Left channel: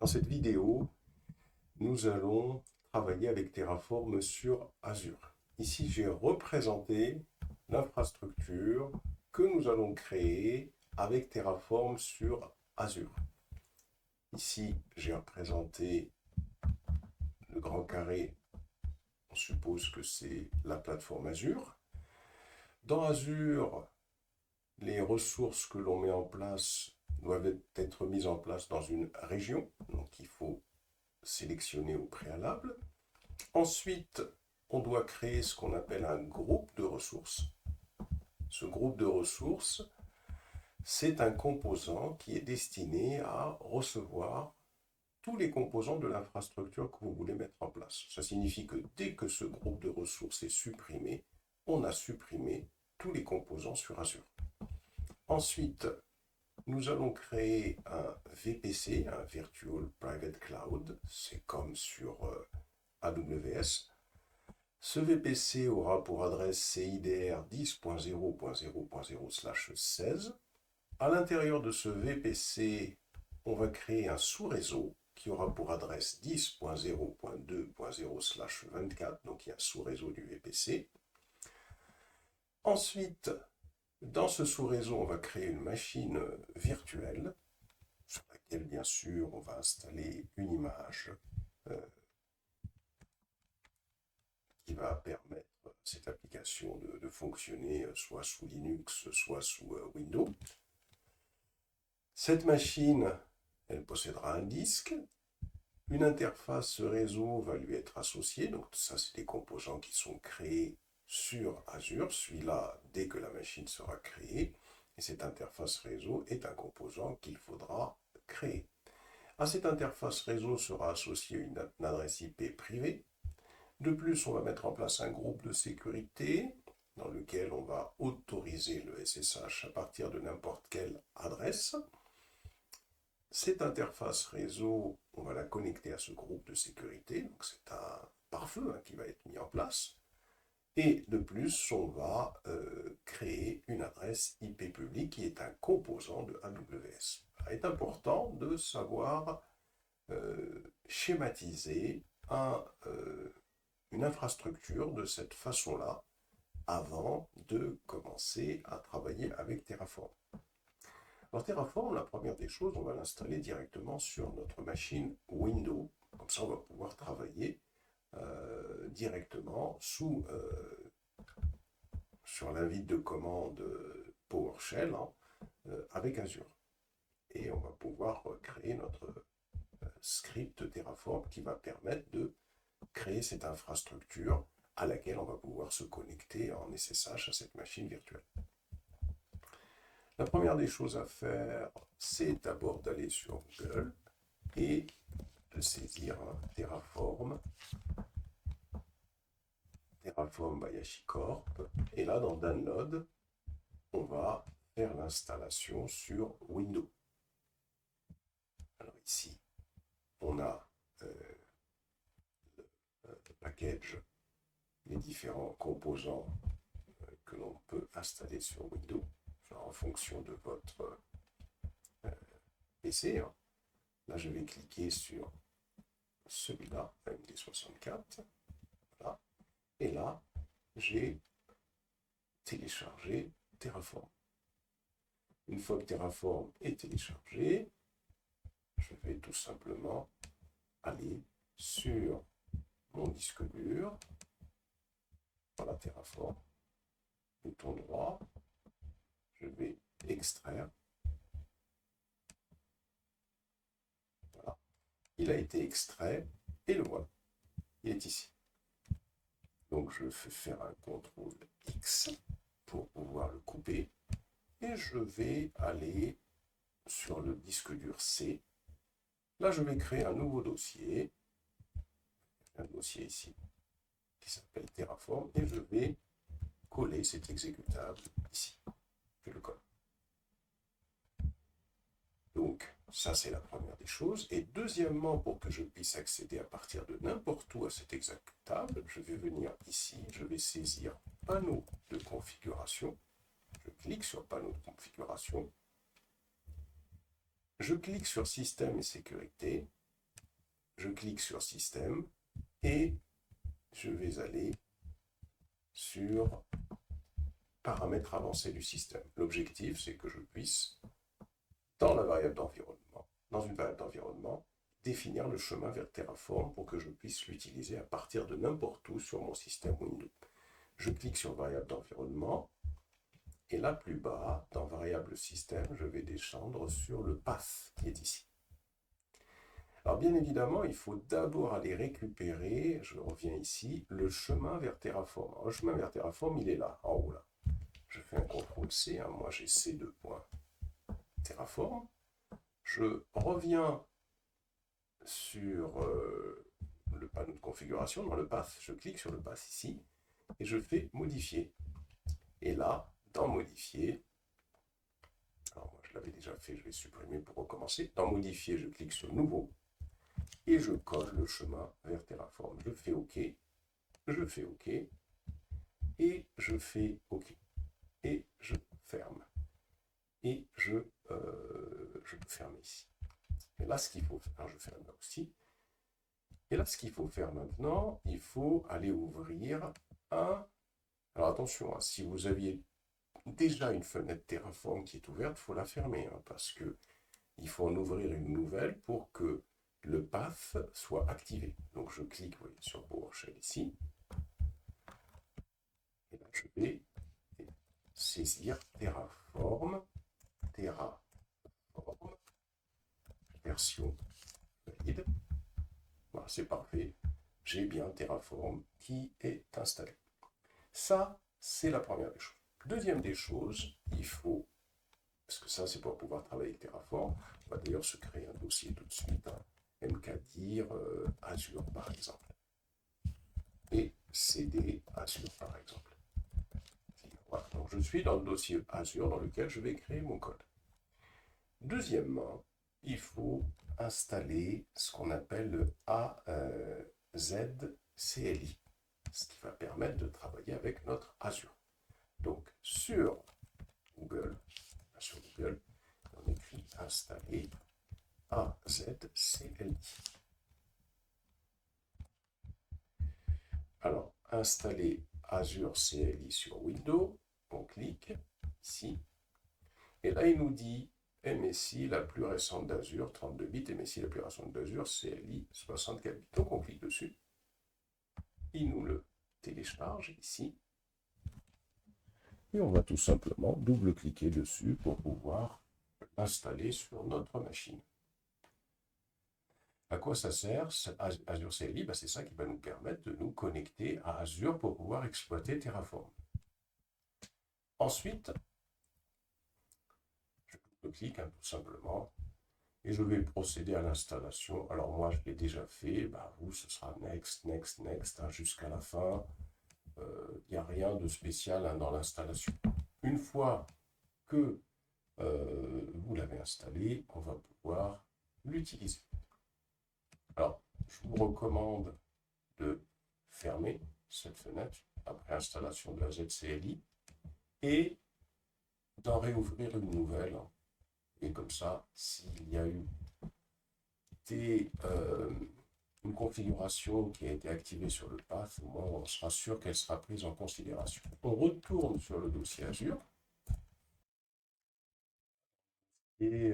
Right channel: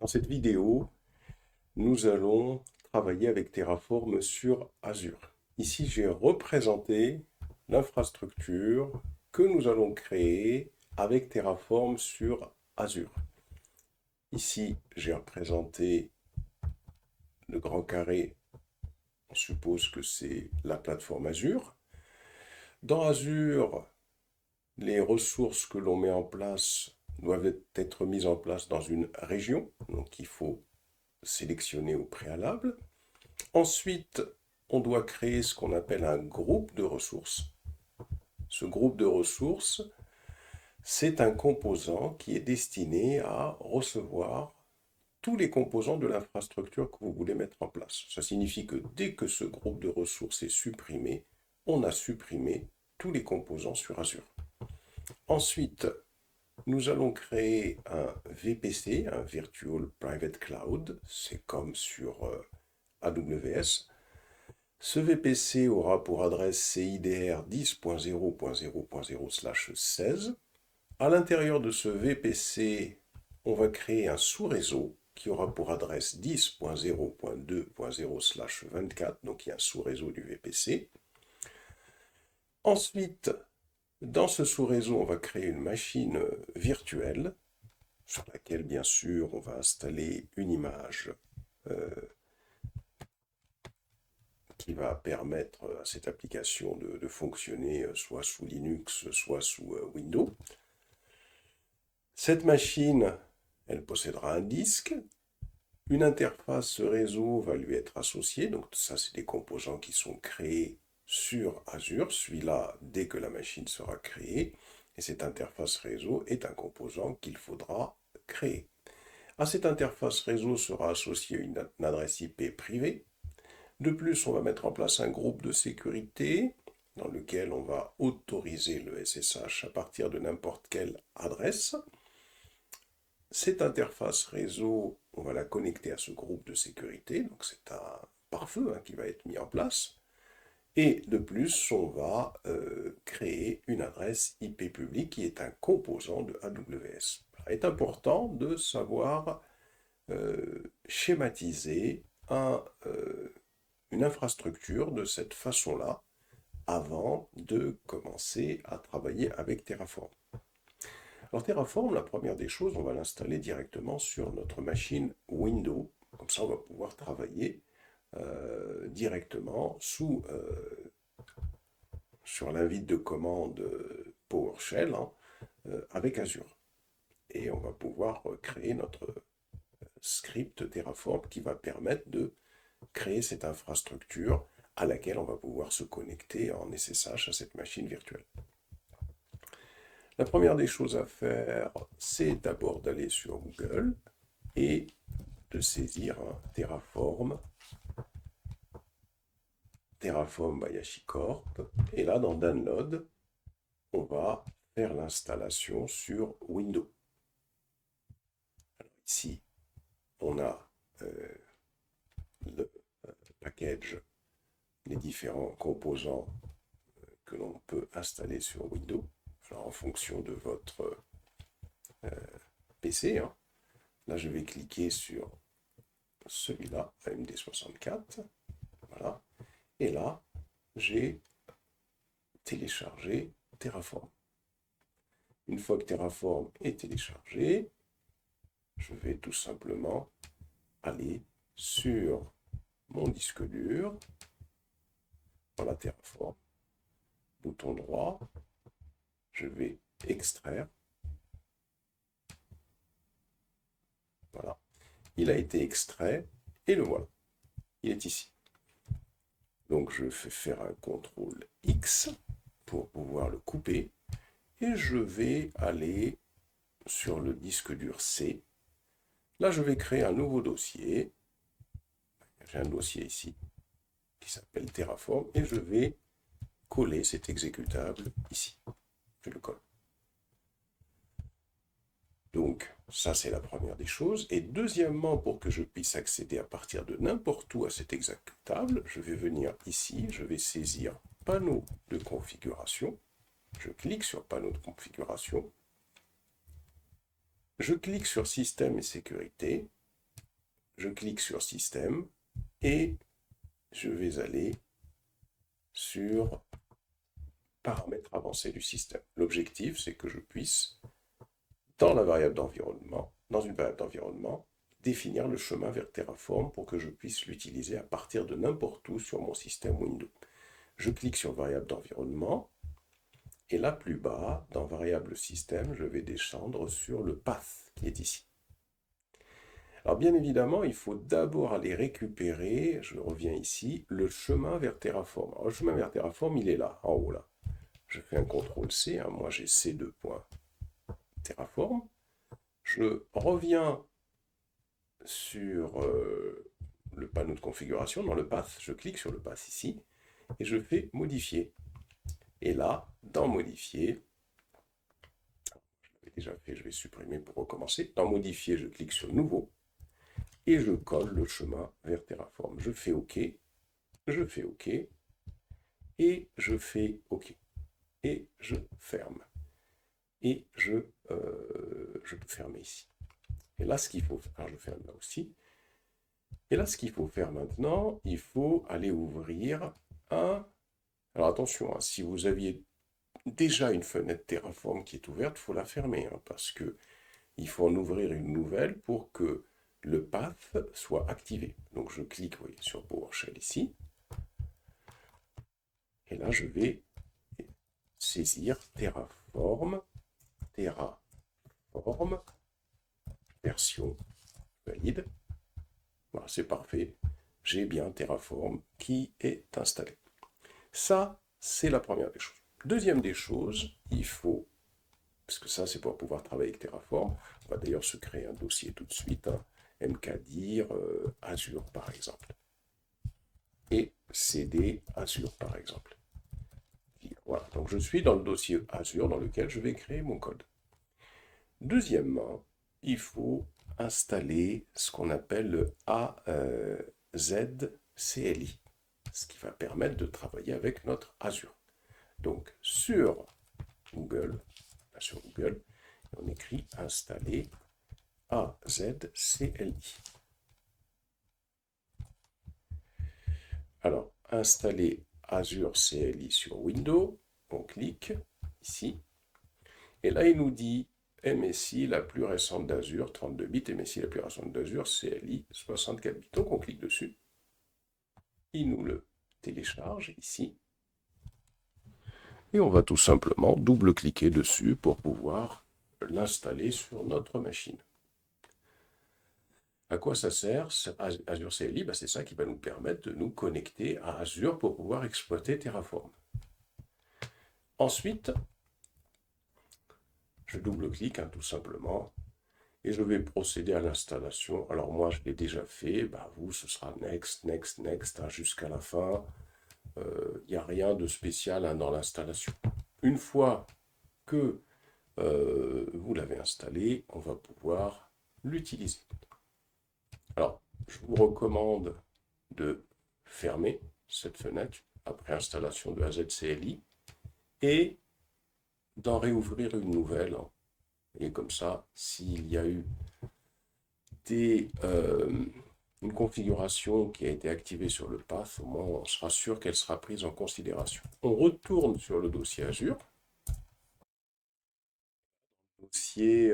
Dans cette vidéo, nous allons travailler avec Terraform sur Azure. Ici, j'ai représenté l'infrastructure que nous allons créer avec Terraform sur Azure. Ici, j'ai représenté le grand carré. On suppose que c'est la plateforme Azure. Dans Azure, les ressources que l'on met en place doivent être mises en place dans une région. Donc, il faut sélectionner au préalable. Ensuite, on doit créer ce qu'on appelle un groupe de ressources. Ce groupe de ressources, c'est un composant qui est destiné à recevoir tous les composants de l'infrastructure que vous voulez mettre en place. Ça signifie que dès que ce groupe de ressources est supprimé, on a supprimé tous les composants sur Azure. Ensuite, nous allons créer un VPC, un Virtual Private Cloud. C'est comme sur AWS. Ce VPC aura pour adresse CIDR 10.0.0.0/16. À l'intérieur de ce VPC, on va créer un sous-réseau qui aura pour adresse 10.0.2.0/24. Donc il y a un sous-réseau du VPC. Ensuite, dans ce sous-réseau, on va créer une machine virtuelle sur laquelle, bien sûr, on va installer une image qui va permettre à cette application de fonctionner soit sous Linux, soit sous Windows. Cette machine, elle possédera un disque. Une interface réseau va lui être associée. Donc ça, c'est des composants qui sont créés sur Azure. Celui-là, dès que la machine sera créée. Et cette interface réseau est un composant qu'il faudra créer. À cette interface réseau sera associée une adresse IP privée. De plus, on va mettre en place un groupe de sécurité dans lequel on va autoriser le SSH à partir de n'importe quelle adresse. Cette interface réseau, on va la connecter à ce groupe de sécurité, donc c'est un pare-feu qui va être mis en place. Et de plus, on va créer une adresse IP publique qui est un composant de AWS. Il est important de savoir schématiser une infrastructure de cette façon-là avant de commencer à travailler avec Terraform. Alors Terraform, la première des choses, on va l'installer directement sur notre machine Windows. Comme ça, on va pouvoir travailler directement sur l'invite de commande PowerShell avec Azure. Et on va pouvoir créer notre script Terraform qui va permettre de créer cette infrastructure à laquelle on va pouvoir se connecter en SSH à cette machine virtuelle. La première des choses à faire, c'est d'abord d'aller sur Google et de saisir Terraform by HashiCorp. Et là, dans Download, on va faire l'installation sur Windows. Alors ici, on a le package, les différents composants que l'on peut installer sur Windows, alors en fonction de votre PC. Là, je vais cliquer sur celui-là, AMD64. Voilà. Et là, j'ai téléchargé Terraform. Une fois que Terraform est téléchargé, je vais tout simplement aller sur mon disque dur, voilà Terraform, bouton droit, je vais extraire. Voilà, il a été extrait et le voilà, il est ici. Donc je fais faire un CTRL X pour pouvoir le couper et je vais aller sur le disque dur C. Là, je vais créer un nouveau dossier. J'ai un dossier ici qui s'appelle Terraform et je vais coller cet exécutable ici. Je le colle. Donc, ça, c'est la première des choses. Et deuxièmement, pour que je puisse accéder à partir de n'importe où à cet exécutable, je vais venir ici, je vais saisir panneau de configuration. Je clique sur panneau de configuration. Je clique sur système et sécurité. je clique sur Système et je vais aller sur Paramètres avancés du système. L'objectif, c'est que je puisse, dans une variable d'environnement, définir le chemin vers Terraform pour que je puisse l'utiliser à partir de n'importe où sur mon système Windows. Je clique sur variable d'environnement et là plus bas, dans variable système, je vais descendre sur le path qui est ici. Alors bien évidemment, il faut d'abord aller récupérer, je reviens ici, le chemin vers Terraform. Alors, le chemin vers Terraform, il est là, en haut là. Je fais un CTRL-C, hein, moi j'ai C2.Terraform. Je reviens sur le panneau de configuration, dans le path, je clique sur le path ici, et je fais modifier. Et là, dans modifier, alors moi je l'avais déjà fait, je vais supprimer pour recommencer. Dans modifier, je clique sur nouveau, et je colle le chemin vers Terraform. Je fais OK, je fais OK, et je fais OK. Et je ferme. Et je peux fermer ici. Et là, ce qu'il faut faire, alors je ferme là aussi. Et là, ce qu'il faut faire maintenant, il faut aller ouvrir un... Alors attention, hein, si vous aviez déjà une fenêtre Terraform qui est ouverte, il faut la fermer, hein, parce que il faut en ouvrir une nouvelle pour que le path soit activé. Donc je clique, vous voyez, sur PowerShell ici. Et là, je vais saisir Terraform, version valide. Voilà, c'est parfait. J'ai bien Terraform qui est installé. Ça, c'est la première des choses. Deuxième des choses, il faut, parce que ça, c'est pour pouvoir travailler avec Terraform, on va d'ailleurs se créer un dossier tout de suite, hein, mkdir Azure, par exemple. Et cd Azure, par exemple. Voilà, donc je suis dans le dossier Azure dans lequel je vais créer mon code. Deuxièmement, il faut installer ce qu'on appelle le AZCLI, ce qui va permettre de travailler avec notre Azure. Donc sur Google, on écrit installer AZCLI. Alors, installer Azure CLI sur Windows, on clique ici, et là il nous dit MSI la plus récente d'Azure, 32 bits, MSI la plus récente d'Azure, CLI 64 bits. Donc on clique dessus, il nous le télécharge ici, et on va tout simplement double-cliquer dessus pour pouvoir l'installer sur notre machine. À quoi ça sert Azure CLI? C'est ça qui va nous permettre de nous connecter à Azure pour pouvoir exploiter Terraform. Ensuite, je double-clique tout simplement et je vais procéder à l'installation. Alors moi, je l'ai déjà fait. Vous, ce sera next, next, next jusqu'à la fin. Il n'y a rien de spécial dans l'installation. Une fois que vous l'avez installé, on va pouvoir l'utiliser. Alors, je vous recommande de fermer cette fenêtre après installation de AZCLI et d'en réouvrir une nouvelle. Et comme ça, s'il y a eu une configuration qui a été activée sur le path, au moins on sera sûr qu'elle sera prise en considération. On retourne sur le dossier Azure. Dossier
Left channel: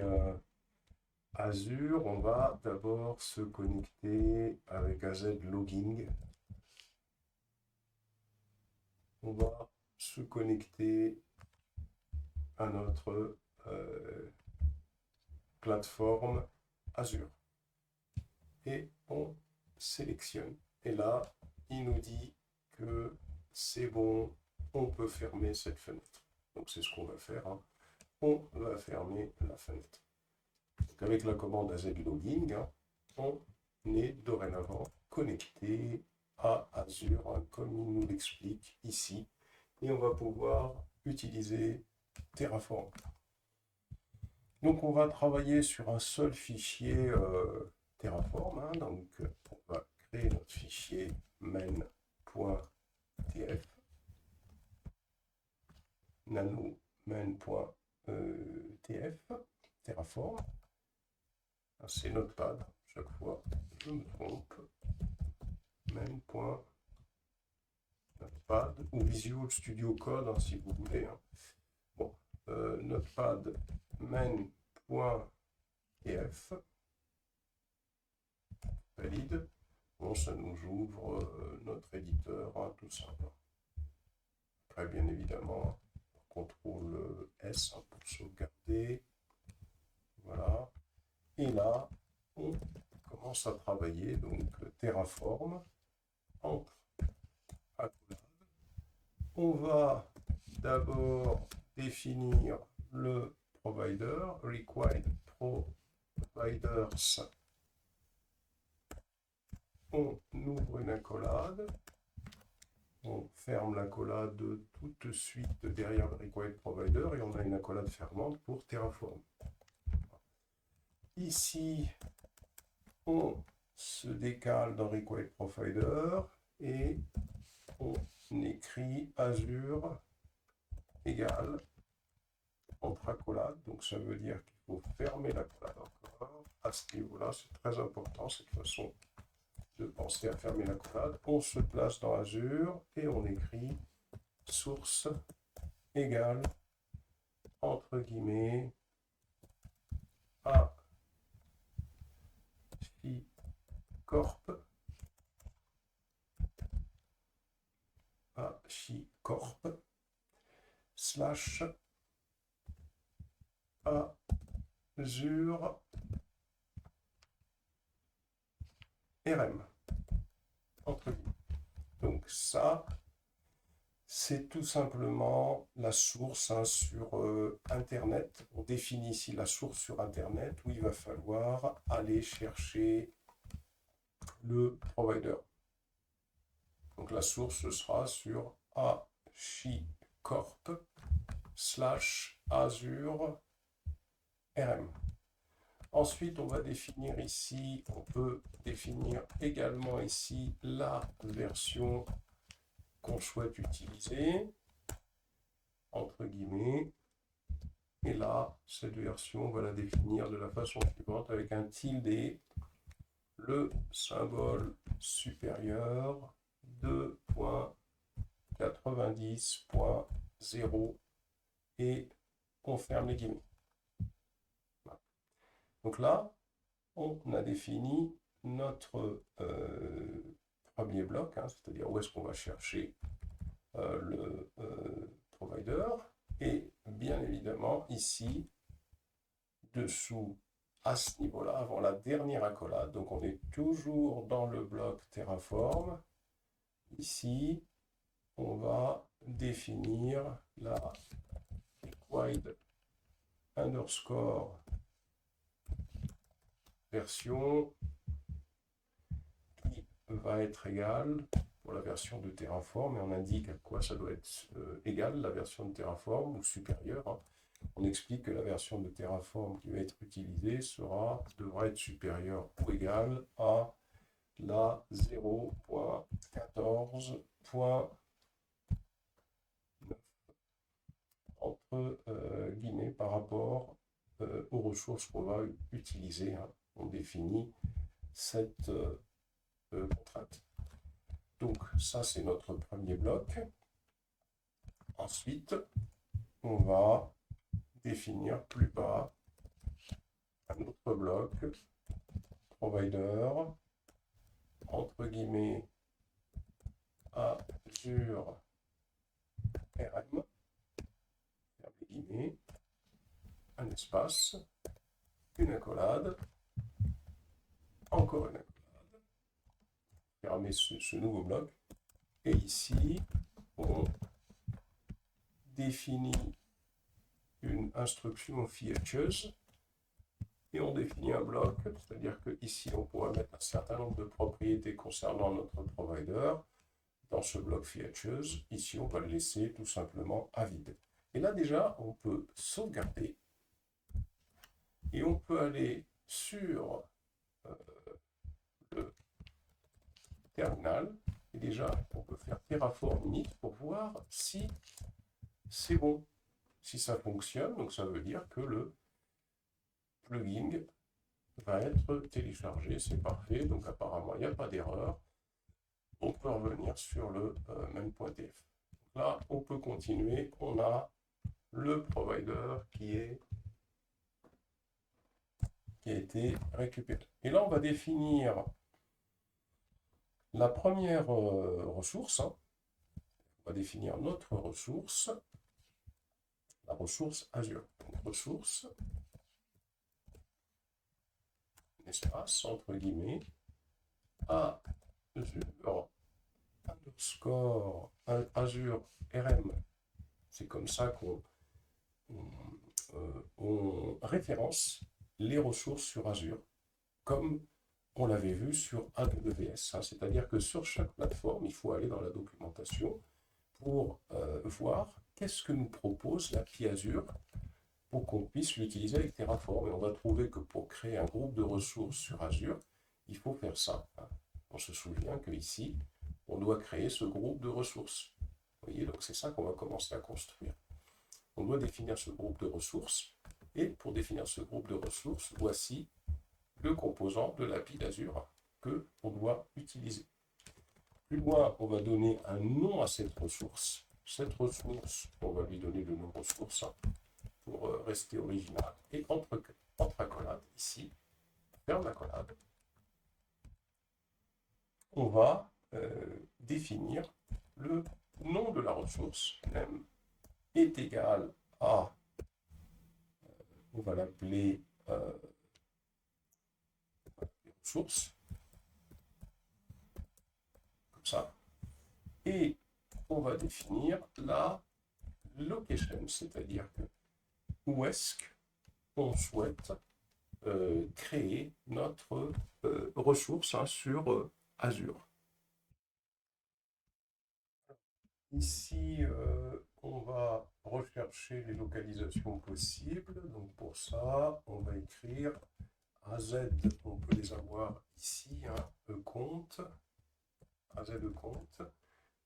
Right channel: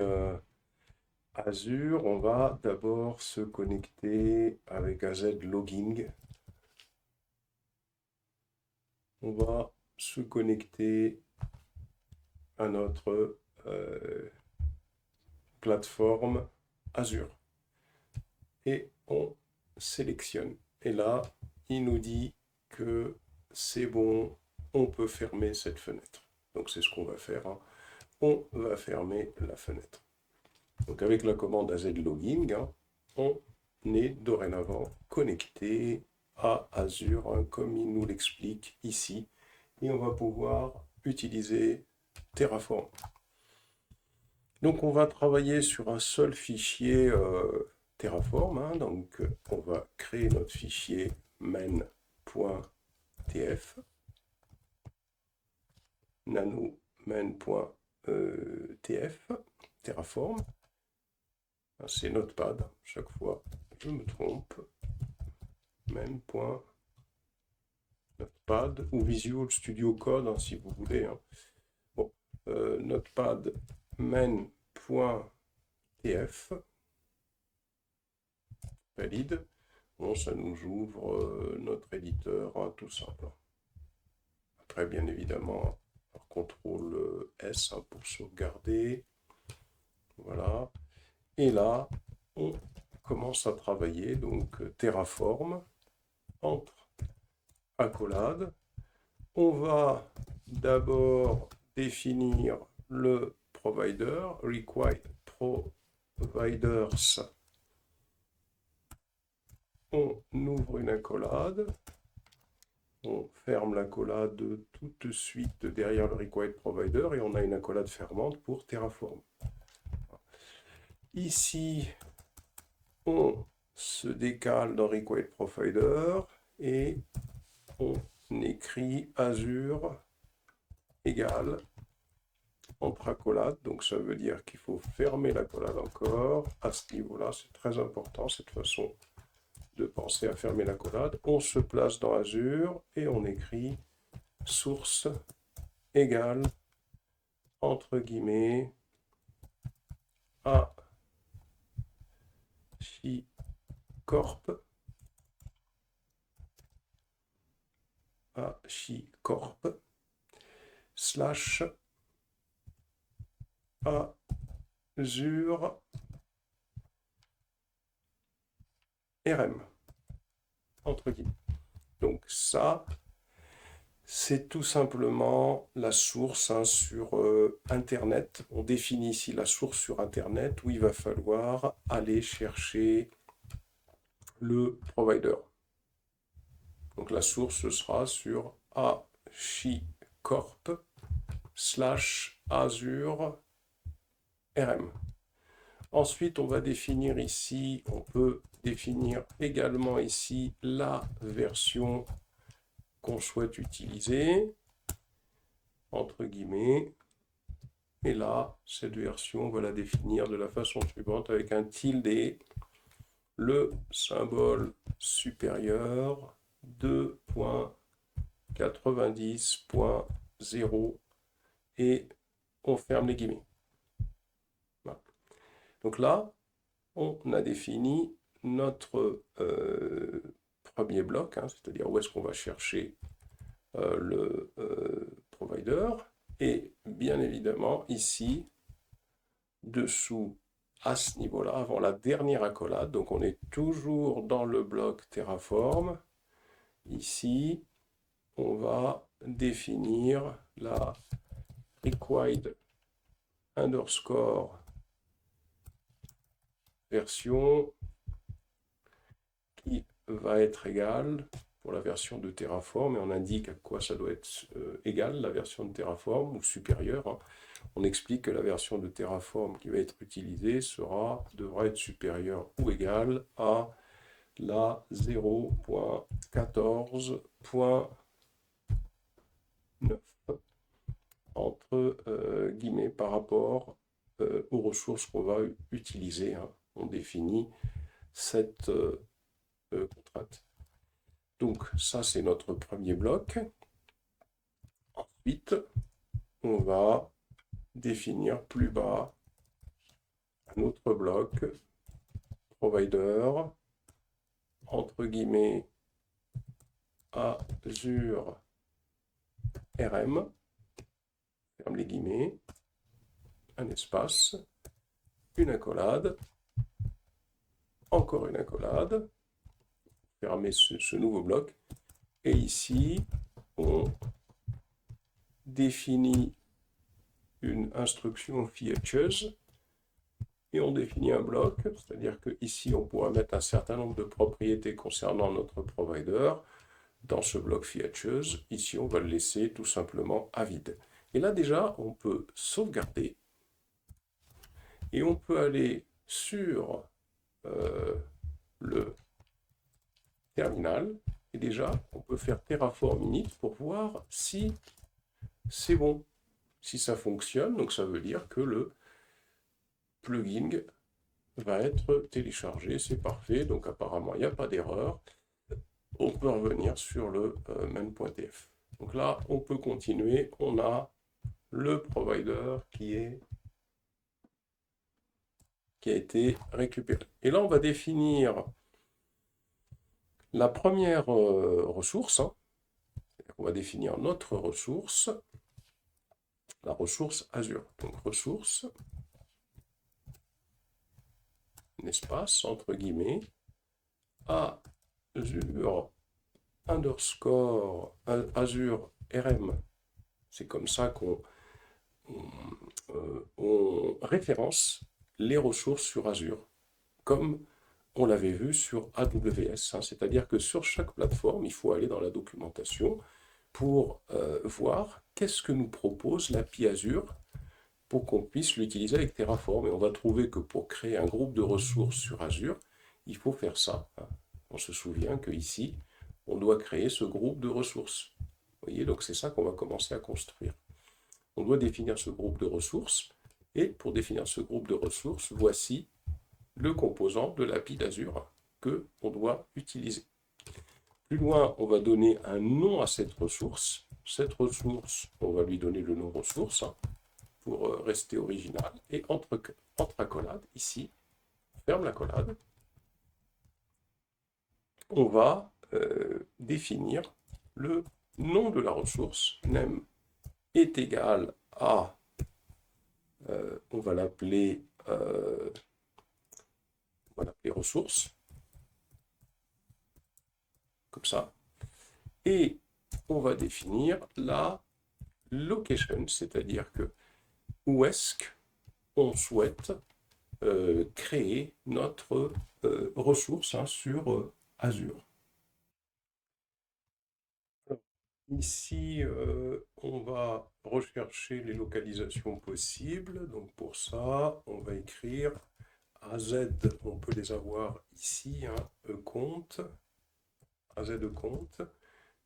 Azure, on va d'abord se connecter avec AZ Logging. On va se connecter à notre plateforme Azure. Et on sélectionne. Et là, il nous dit que c'est bon, on peut fermer cette fenêtre. Donc c'est ce qu'on va faire. On va fermer la fenêtre. Donc avec la commande AZLogging, on est dorénavant connecté à Azure, comme il nous l'explique ici. Et on va pouvoir utiliser Terraform. Donc on va travailler sur un seul fichier Terraform. Donc on va créer notre fichier main.tf, nano main.tf, Terraform. C'est Notepad, chaque fois je me trompe, main.notepad ou Visual Studio Code, hein, si vous voulez. Hein. Bon, notepad main.tf, valide. Bon, ça nous ouvre notre éditeur, hein, tout simple. Après, bien évidemment, CTRL S hein, pour sauvegarder. Voilà. Et là, on commence à travailler. Donc, Terraform, entre accolades. On va d'abord définir le provider, required providers. On ouvre une accolade. On ferme l'accolade tout de suite derrière le required provider et on a une accolade fermante pour Terraform. Ici, on se décale dans required provider et on écrit Azure égale entre accolades. Donc ça veut dire qu'il faut fermer l'accolade encore. À ce niveau-là, c'est très important cette façon de penser à fermer l'accolade. On se place dans Azure et on écrit source égale entre guillemets HashiCorp slash Azure RM entre guillemets. Donc ça, c'est tout simplement la source hein, sur Internet. On définit ici la source sur Internet où il va falloir aller chercher le provider. Donc la source ce sera sur HashiCorp slash Azure RM. Ensuite, on va définir ici, on peut définir également ici la version qu'on souhaite utiliser, entre guillemets. Et là, cette version, on va la définir de la façon suivante avec un tilde, le symbole supérieur 2.90.0 et on ferme les guillemets. Voilà. Donc là, on a défini notre premier bloc, hein, c'est-à-dire où est-ce qu'on va chercher le provider. Et bien évidemment, ici, dessous, à ce niveau-là, avant la dernière accolade, donc on est toujours dans le bloc Terraform. Ici, on va définir la required underscore version qui va être égale pour la version de Terraform, et on indique à quoi ça doit être égal, la version de Terraform, ou supérieure. Hein. On explique que la version de Terraform qui va être utilisée devra être supérieure ou égale à la 0.14.9 entre guillemets par rapport aux ressources qu'on va utiliser. Hein. On définit cette contrainte. Donc ça c'est notre premier bloc. Ensuite, on va définir plus bas un autre bloc provider entre guillemets Azure RM, ferme les guillemets, un espace, une accolade, encore une accolade, fermer ce nouveau bloc, et ici on définit une instruction features et on définit un bloc, c'est-à-dire que ici on pourra mettre un certain nombre de propriétés concernant notre provider dans ce bloc features. Ici on va le laisser tout simplement à vide. Et là déjà on peut sauvegarder et on peut aller sur le terminal et déjà on peut faire Terraform init pour voir si c'est bon, si ça fonctionne. Donc ça veut dire que le plugin va être téléchargé, c'est parfait, donc apparemment il n'y a pas d'erreur. On peut revenir sur le main.tf. Donc là, on peut continuer, on a le provider qui a été récupéré. Et là, on va définir la première ressource. On va définir notre ressource, la ressource Azure. Donc ressource, un espace, entre guillemets, Azure underscore Azure RM. C'est comme ça qu'on on référence les ressources sur Azure, comme on l'avait vu sur AWS. C'est-à-dire que sur chaque plateforme, il faut aller dans la documentation pour voir qu'est-ce que nous propose l'API Azure pour qu'on puisse l'utiliser avec Terraform. Et on va trouver que pour créer un groupe de ressources sur Azure, il faut faire ça. On se souvient qu'ici, on doit créer ce groupe de ressources. Vous voyez, donc c'est ça qu'on va commencer à construire. On doit définir ce groupe de ressources. Et pour définir ce groupe de ressources, voici le composant de l'API d'Azure que on doit utiliser. Plus loin, on va donner un nom à cette ressource. Cette ressource, on va lui donner le nom ressource pour rester original. Et entre accolades, ici, on ferme l'accolade, on va définir le nom de la ressource. Name est égal à, on va l'appeler ressource, comme ça. Et on va définir la location, c'est-à-dire que où est-ce qu'on souhaite créer notre ressource sur Azure. Ici, on va rechercher les localisations possibles. Donc pour ça, on va écrire AZ, on peut les avoir ici, compte, AZ compte,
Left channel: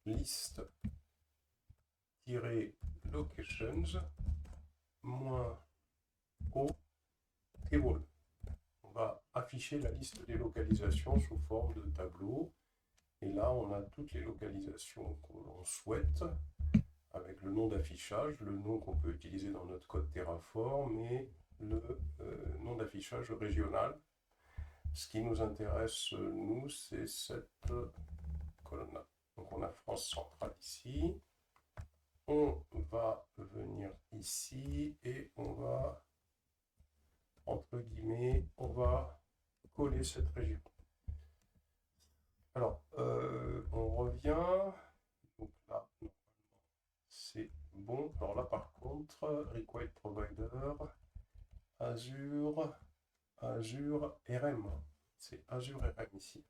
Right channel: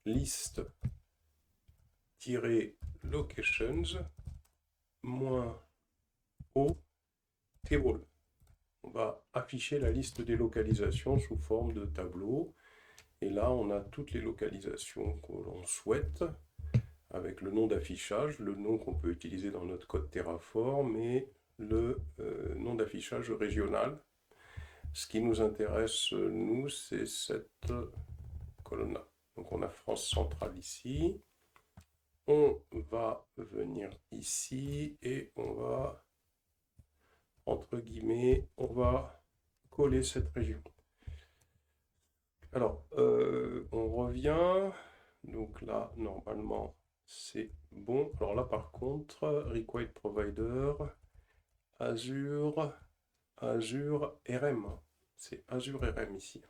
list-locations, -o, table. On va afficher la liste des localisations sous forme de tableau. Et là, on a toutes les localisations que l'on souhaite, avec le nom d'affichage, le nom qu'on peut utiliser dans notre code Terraform, et le nom d'affichage régional. Ce qui nous intéresse, nous, c'est cette colonne-là. Donc on a France centrale ici. On va venir ici et on va, entre guillemets, on va coller cette région. Alors, on revient. Donc là, normalement, c'est bon. Alors là, par contre, Required Provider, Azure RM. C'est Azure RM ici.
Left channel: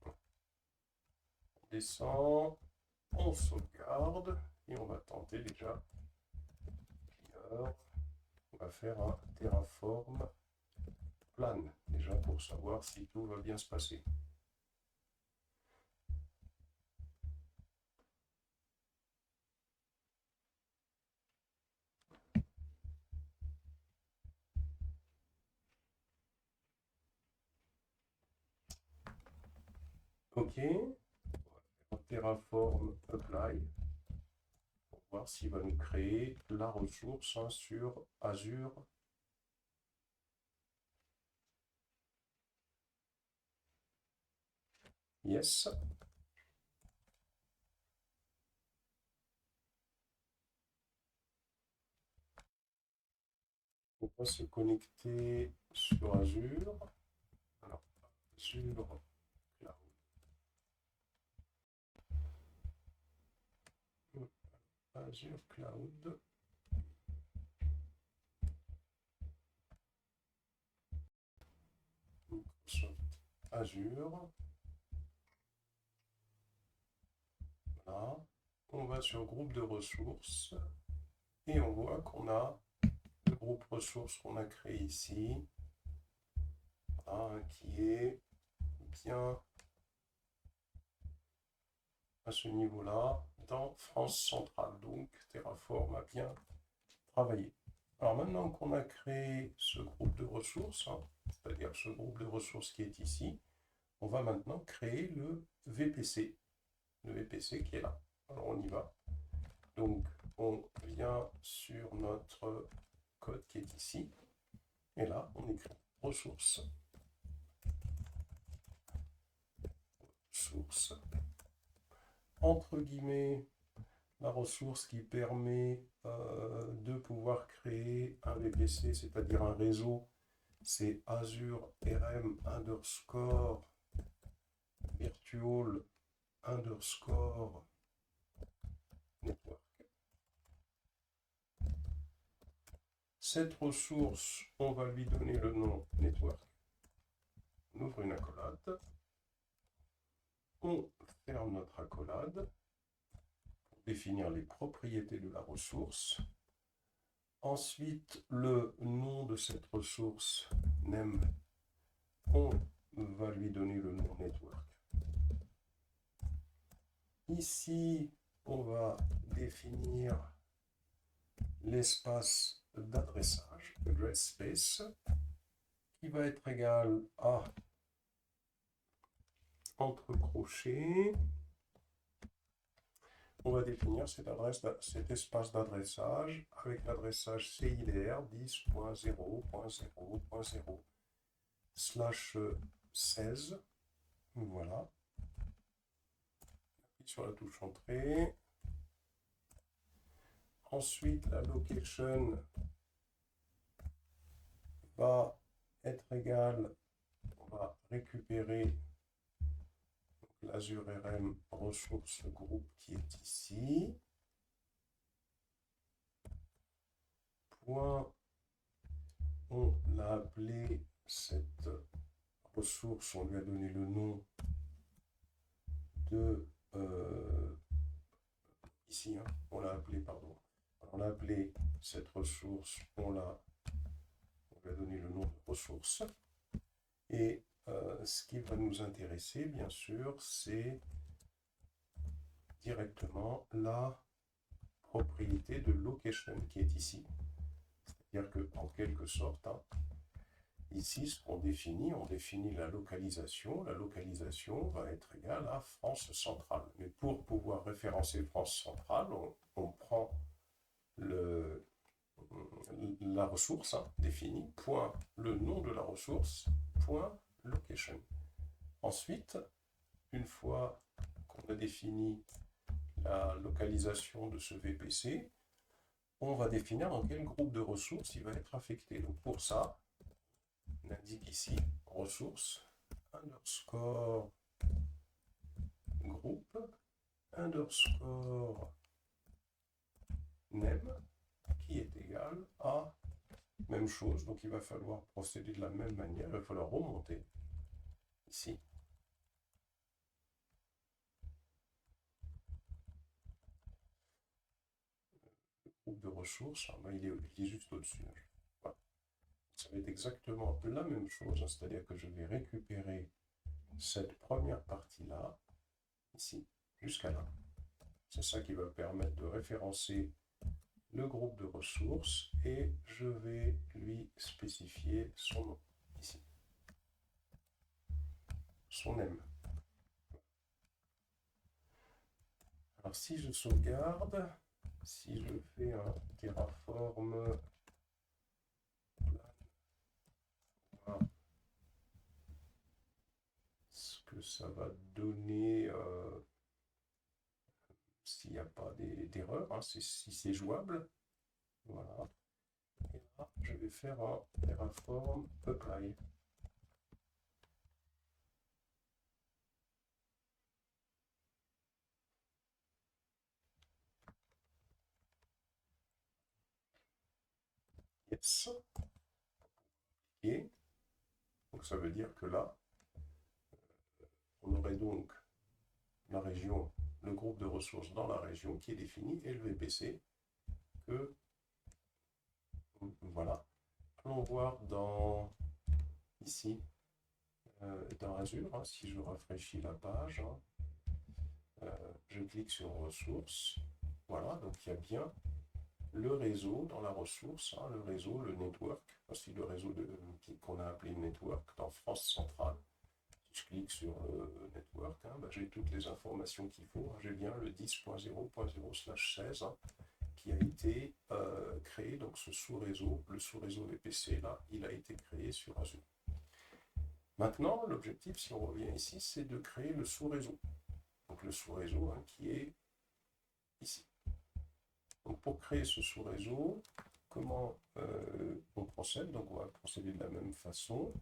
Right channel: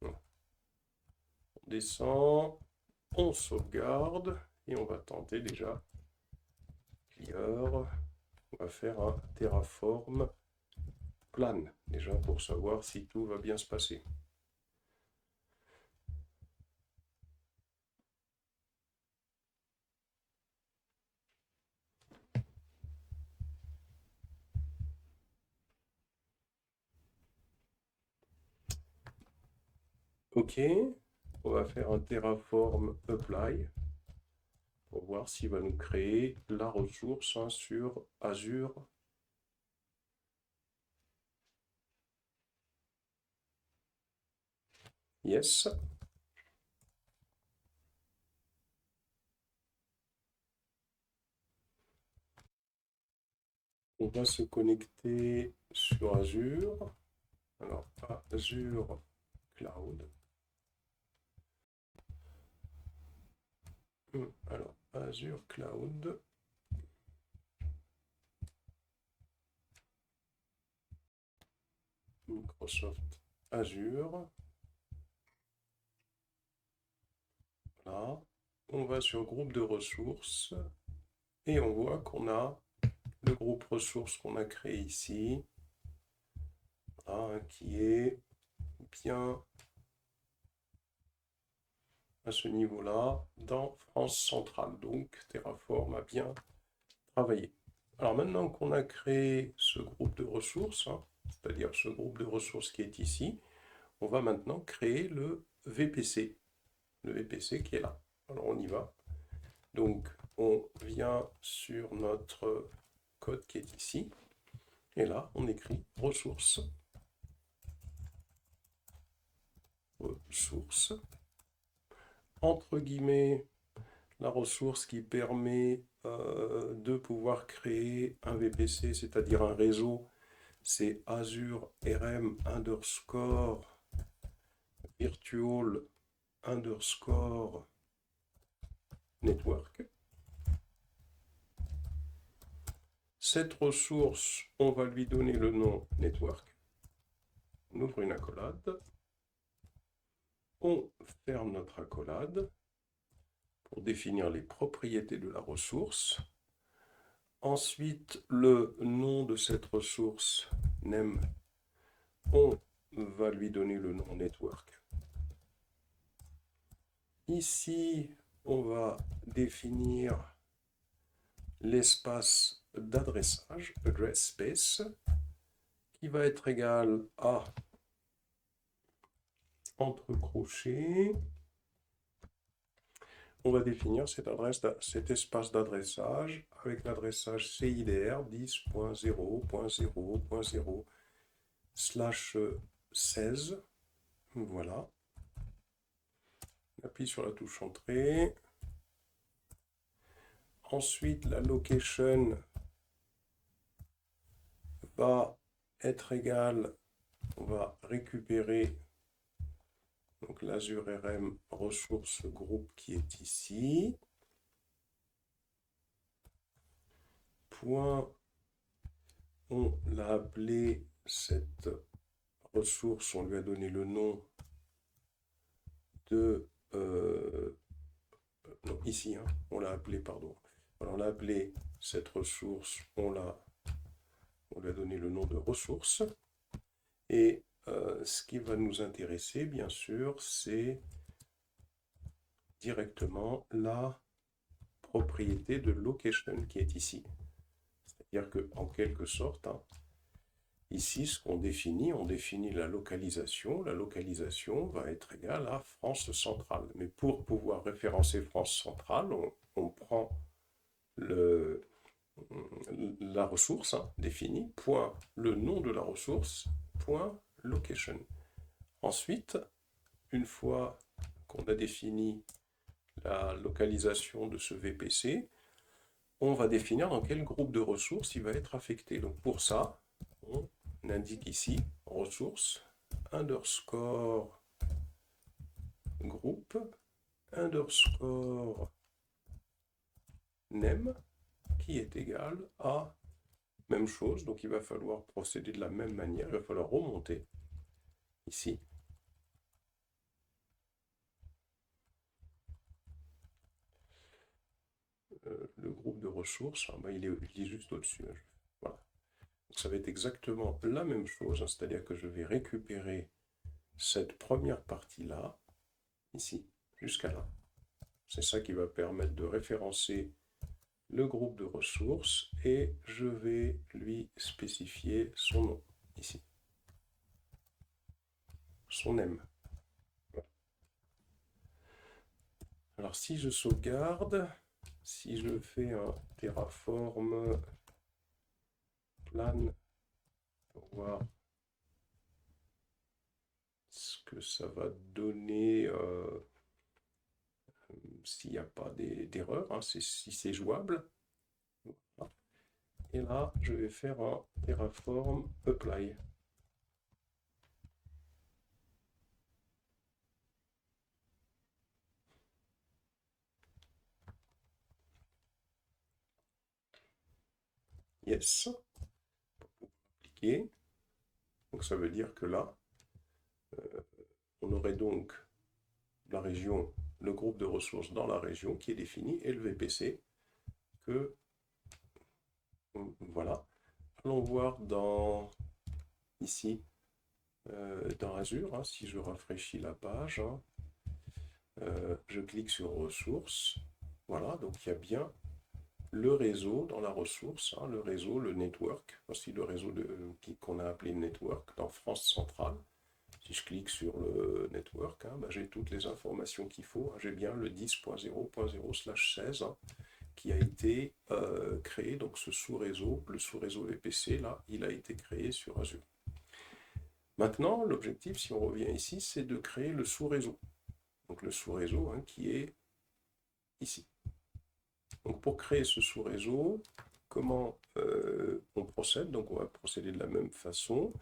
On descend, on sauvegarde et on va tenter déjà. Clear. On va faire un Terraform plan, déjà pour savoir si tout va bien se passer. Ok, on va faire un Terraform apply pour voir s'il va nous créer la ressource sur Azure. Yes. On va se connecter sur Azure. Alors, Azure Cloud. Alors, Azure Cloud. Microsoft Azure. Voilà. On va sur groupe de ressources et on voit qu'on a le groupe ressources qu'on a créé ici, qui est bien à ce niveau-là dans France centrale. Donc Terraform a bien travaillé. Alors maintenant qu'on a créé ce groupe de ressources, c'est-à-dire ce groupe de ressources qui est ici, on va maintenant créer le VPC qui est là. Alors on y va. Donc on vient sur notre code qui est ici, et là on écrit ressources, entre guillemets, la ressource qui permet de pouvoir créer un VPC, c'est-à-dire un réseau, c'est Azure RM underscore virtual underscore network. Cette ressource, on va lui donner le nom network. On ouvre une accolade. On ferme notre accolade pour définir les propriétés de la ressource. Ensuite, le nom de cette ressource, name, on va lui donner le nom network. Ici, on va définir l'espace d'adressage, address space, qui va être égal à, entre crochets, on va définir cet espace d'adressage avec l'adressage CIDR 10.0.0.0/16. Voilà. On appuie sur la touche entrée. Ensuite, la location va être égale, on va récupérer donc l'Azure RM ressources groupe qui est ici. Point, on l'a appelé cette ressource, on lui a donné le nom de non, ici, hein, on l'a appelé, pardon. Alors, on l'a appelé cette ressource, on lui a donné le nom de ressource. Et ce qui va nous intéresser, bien sûr, c'est directement la propriété de location qui est ici. C'est-à-dire qu'en quelque sorte, hein, ici, ce qu'on définit, on définit la localisation. La localisation va être égale à France centrale. Mais pour pouvoir référencer France centrale, on prend la ressource définie, point le nom de la ressource, point location. Ensuite, une fois qu'on a défini la localisation de ce VPC, on va définir dans quel groupe de ressources il va être affecté. Donc pour ça, on indique ici ressources underscore groupe underscore name qui est égal à même chose. Donc il va falloir procéder de la même manière. Il va falloir remonter ici. Le groupe de ressources, il est juste au-dessus. Voilà. Donc ça va être exactement la même chose, c'est-à-dire que je vais récupérer cette première partie-là, ici, jusqu'à là. C'est ça qui va permettre de référencer le groupe de ressources et je vais lui spécifier son nom, ici. Son name. Voilà. Alors si je sauvegarde, si je fais un Terraform plan pour voir ce que ça va donner s'il n'y a pas d'erreur, hein, si c'est jouable. Voilà. Et là, je vais faire un Terraform apply. Yes. Appliquer. Donc ça veut dire que là, on aurait donc la région, le groupe de ressources dans la région qui est défini et le VPC que voilà. Allons voir dans ici dans Azure, hein, si je rafraîchis la page, hein, je clique sur ressources. Voilà, donc il y a bien le réseau dans la ressource, hein, le réseau, le network, voici le réseau qu'on a appelé network dans France centrale. Si je clique sur le network, hein, j'ai toutes les informations qu'il faut. Hein. J'ai bien le 10.0.0/16 hein, qui a été créé, donc ce sous-réseau, le sous-réseau VPC, là, il a été créé sur Azure. Maintenant, l'objectif, si on revient ici, c'est de créer le sous-réseau. Donc le sous-réseau hein, qui est ici. Donc pour créer ce sous-réseau, comment on procède? Donc on va procéder de la même façon.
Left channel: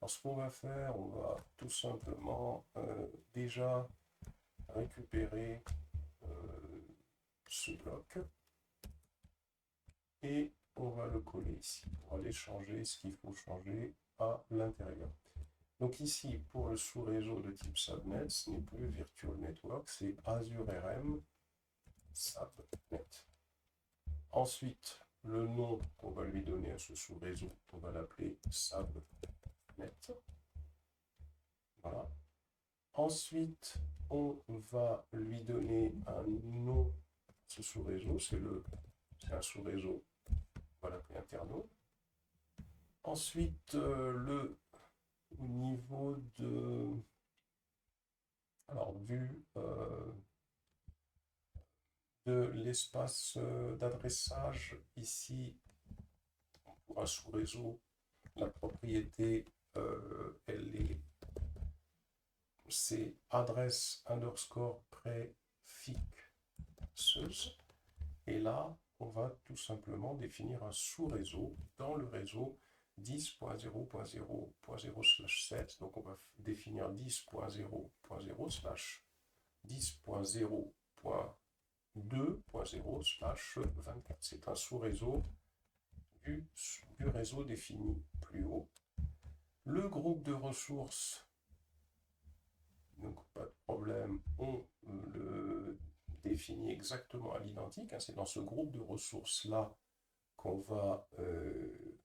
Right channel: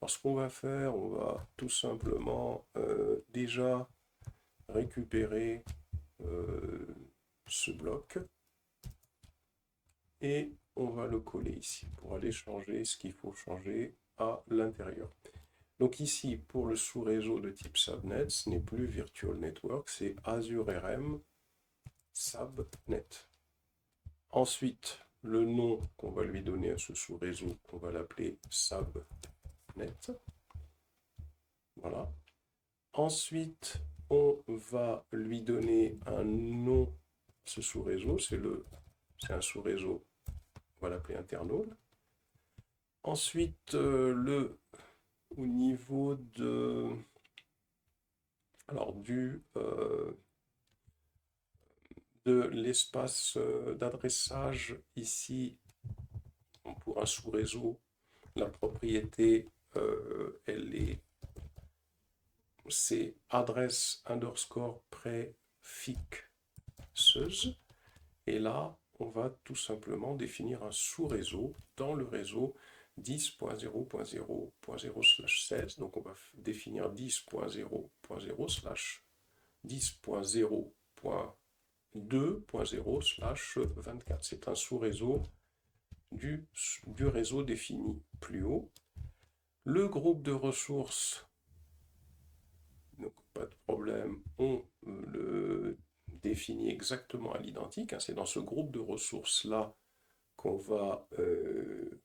Alors ce qu'on va faire, on va tout simplement déjà récupérer ce bloc et on va le coller ici pour aller changer ce qu'il faut changer à l'intérieur. Donc ici, pour le sous-réseau de type Subnet, ce n'est plus Virtual Network, c'est Azure RM Subnet. Ensuite, le nom qu'on va lui donner à ce sous-réseau, on va l'appeler Subnet. Voilà. Ensuite, on va lui donner un nom, ce sous-réseau, c'est un sous-réseau, on va l'appeler internal. Ensuite, au niveau de, alors, de l'espace d'adressage, ici, pour un sous-réseau, la propriété, c'est adresse _ préfixeuse. Et là, on va tout simplement définir un sous-réseau dans le réseau 10.0.0.0/16. Donc on va définir 10.0.0/10.0.2.0/24. C'est un sous-réseau du réseau défini plus haut. Le groupe de ressources, donc pas de problème, on le définit exactement à l'identique. Hein, c'est dans ce groupe de ressources-là qu'on va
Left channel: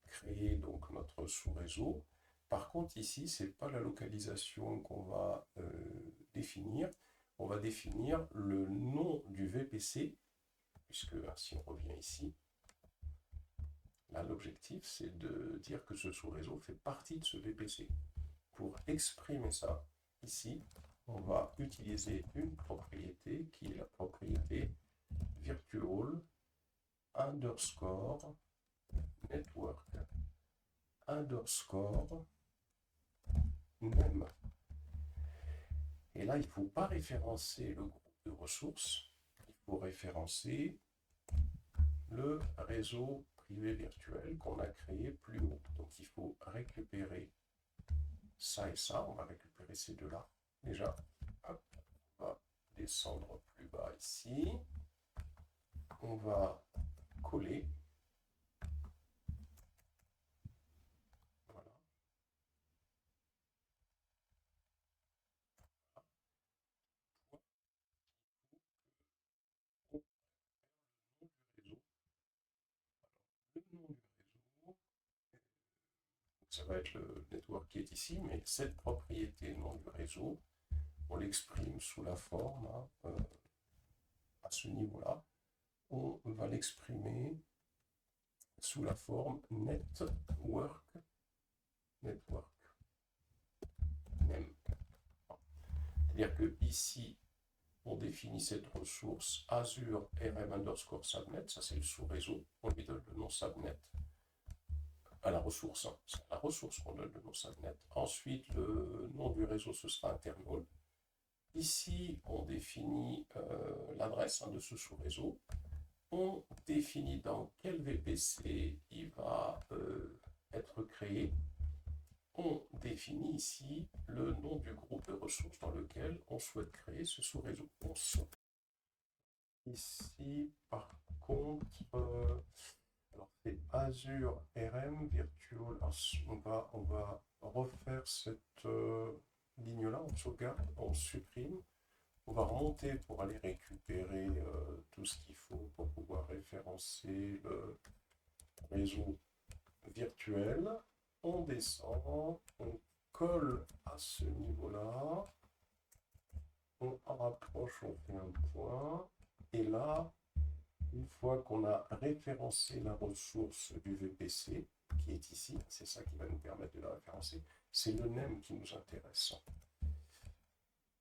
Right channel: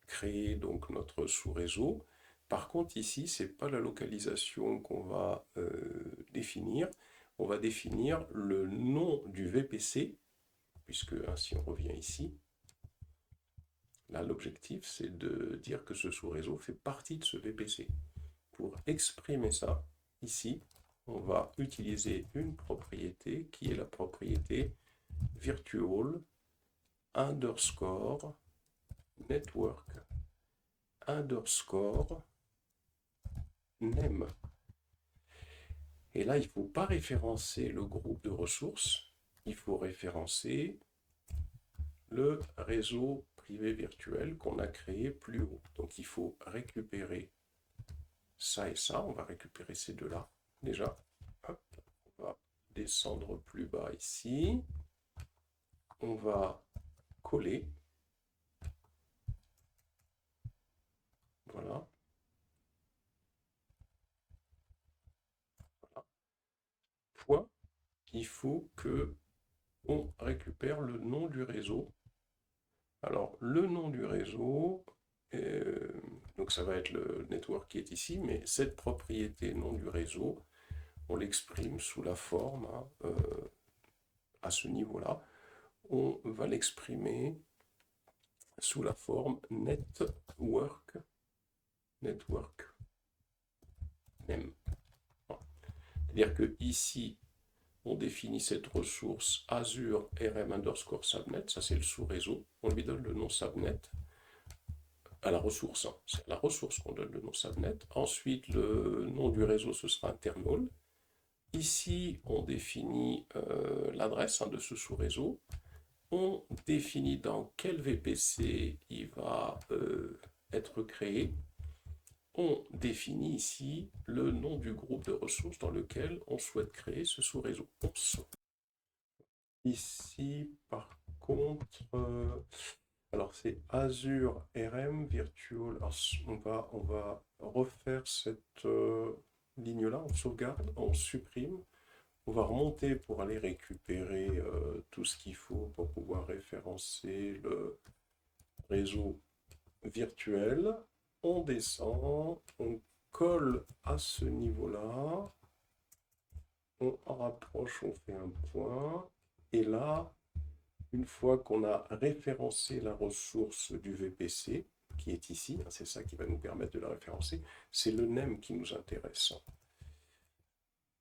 créer donc notre sous-réseau. Par contre, ici, ce n'est pas la localisation qu'on va définir. On va définir le nom du VPC, puisque si on revient ici, là, l'objectif, c'est de dire que ce sous-réseau fait partie de ce VPC. Pour exprimer ça, ici, on va utiliser une propriété qui est la propriété virtual _ network _ name. Et là, il ne faut pas référencer le groupe de ressources, il faut référencer le réseau privé virtuel qu'on a créé plus haut. Donc il faut récupérer ça et ça, on va récupérer ces deux-là. Déjà, hop, on va descendre plus bas ici. On va coller. Voilà. Voilà. Point. Il faut que on récupère le nom du réseau. Alors, le nom du réseau, donc ça va être le network qui est ici, mais cette propriété nom du réseau, on l'exprime sous la forme, hein, à ce niveau-là, on va l'exprimer sous la forme network name. C'est-à-dire que ici, on définit cette ressource Azure RM _ Subnet, ça c'est le sous-réseau, on lui donne le nom Subnet à la ressource, hein. C'est à la ressource qu'on donne le nom Subnet. Ensuite, le nom du réseau, ce sera internal. Ici, on définit l'adresse de ce sous-réseau. On définit dans quel VPC il va être créé. On définit ici le nom du groupe de ressources dans lequel on souhaite créer ce sous-réseau. Ici, par contre, alors c'est Azure RM Virtual. Alors, on va refaire cette ligne-là, on sauvegarde, on supprime. On va remonter pour aller récupérer tout ce qu'il faut pour pouvoir référencer le réseau virtuel. On descend, on colle à ce niveau-là, on rapproche, on fait un point, et là, Une fois qu'on a référencé la ressource du VPC, qui est ici, c'est ça qui va nous permettre de la référencer, c'est le name qui nous intéresse.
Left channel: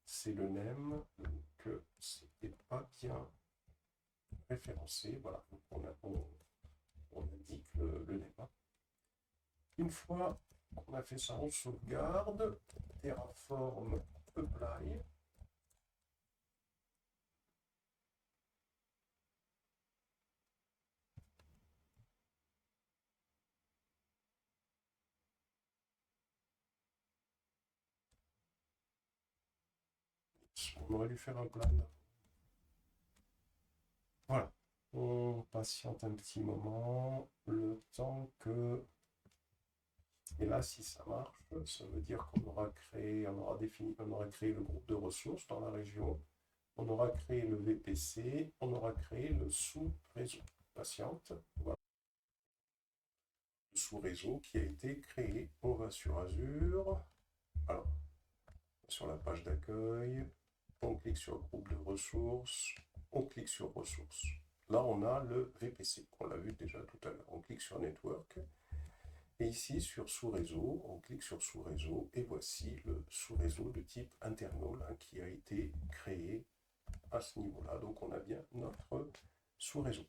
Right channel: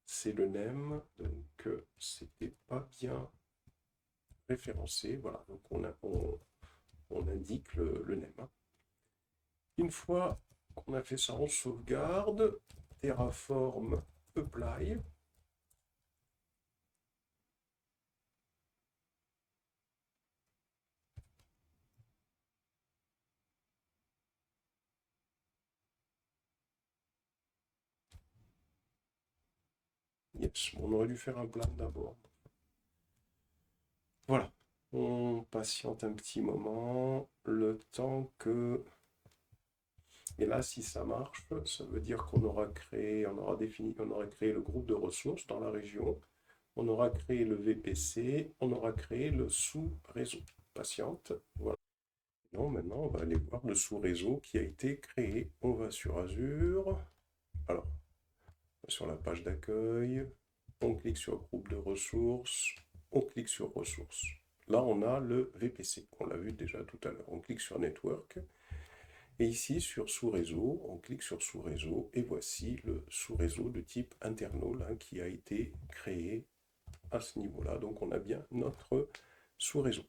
C'est le name, donc c'était pas bien référencé, voilà, donc on indique le name. Une fois qu'on a fait ça, on sauvegarde, Terraform apply. Yes, on aurait dû faire un plan d'abord. Voilà, on patiente un petit moment, le temps que... Et là, si ça marche, ça veut dire qu'on aura créé, on aura défini, on aura créé le groupe de ressources dans la région, on aura créé le VPC, on aura créé le sous-réseau. Patiente, voilà. Non, maintenant, on va aller voir le sous-réseau qui a été créé. On va sur Azure. Alors, sur la page d'accueil, on clique sur groupe de ressources, on clique sur ressources. Là, on a le VPC, on l'a vu déjà tout à l'heure. On clique sur Network. Et ici, sur sous-réseau, on clique sur sous-réseau. Et voici le sous-réseau de type internal qui a été créé à ce niveau-là. Donc, on a bien notre sous-réseau.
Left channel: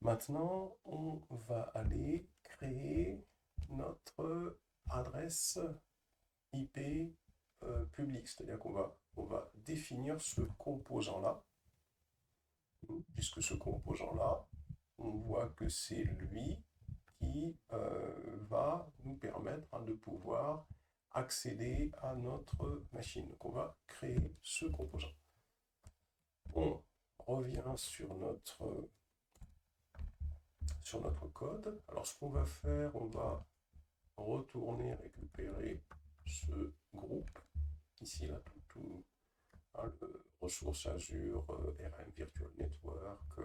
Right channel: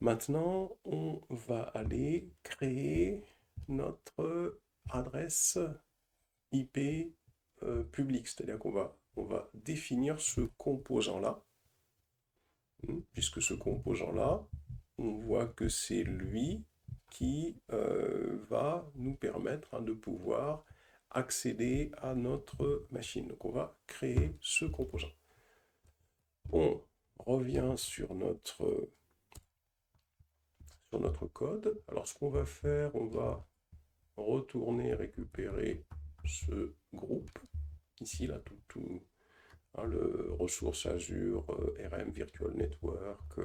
Maintenant, on va aller créer notre adresse IP publique. C'est-à-dire on va définir ce composant-là, puisque ce composant-là, on voit que c'est lui qui va nous permettre de pouvoir accéder à notre machine. Donc on va créer ce composant. On revient sur notre code. Alors ce qu'on va faire, on va retourner récupérer ce groupe, ici, là, tout le ressource Azure, RM Virtual Network.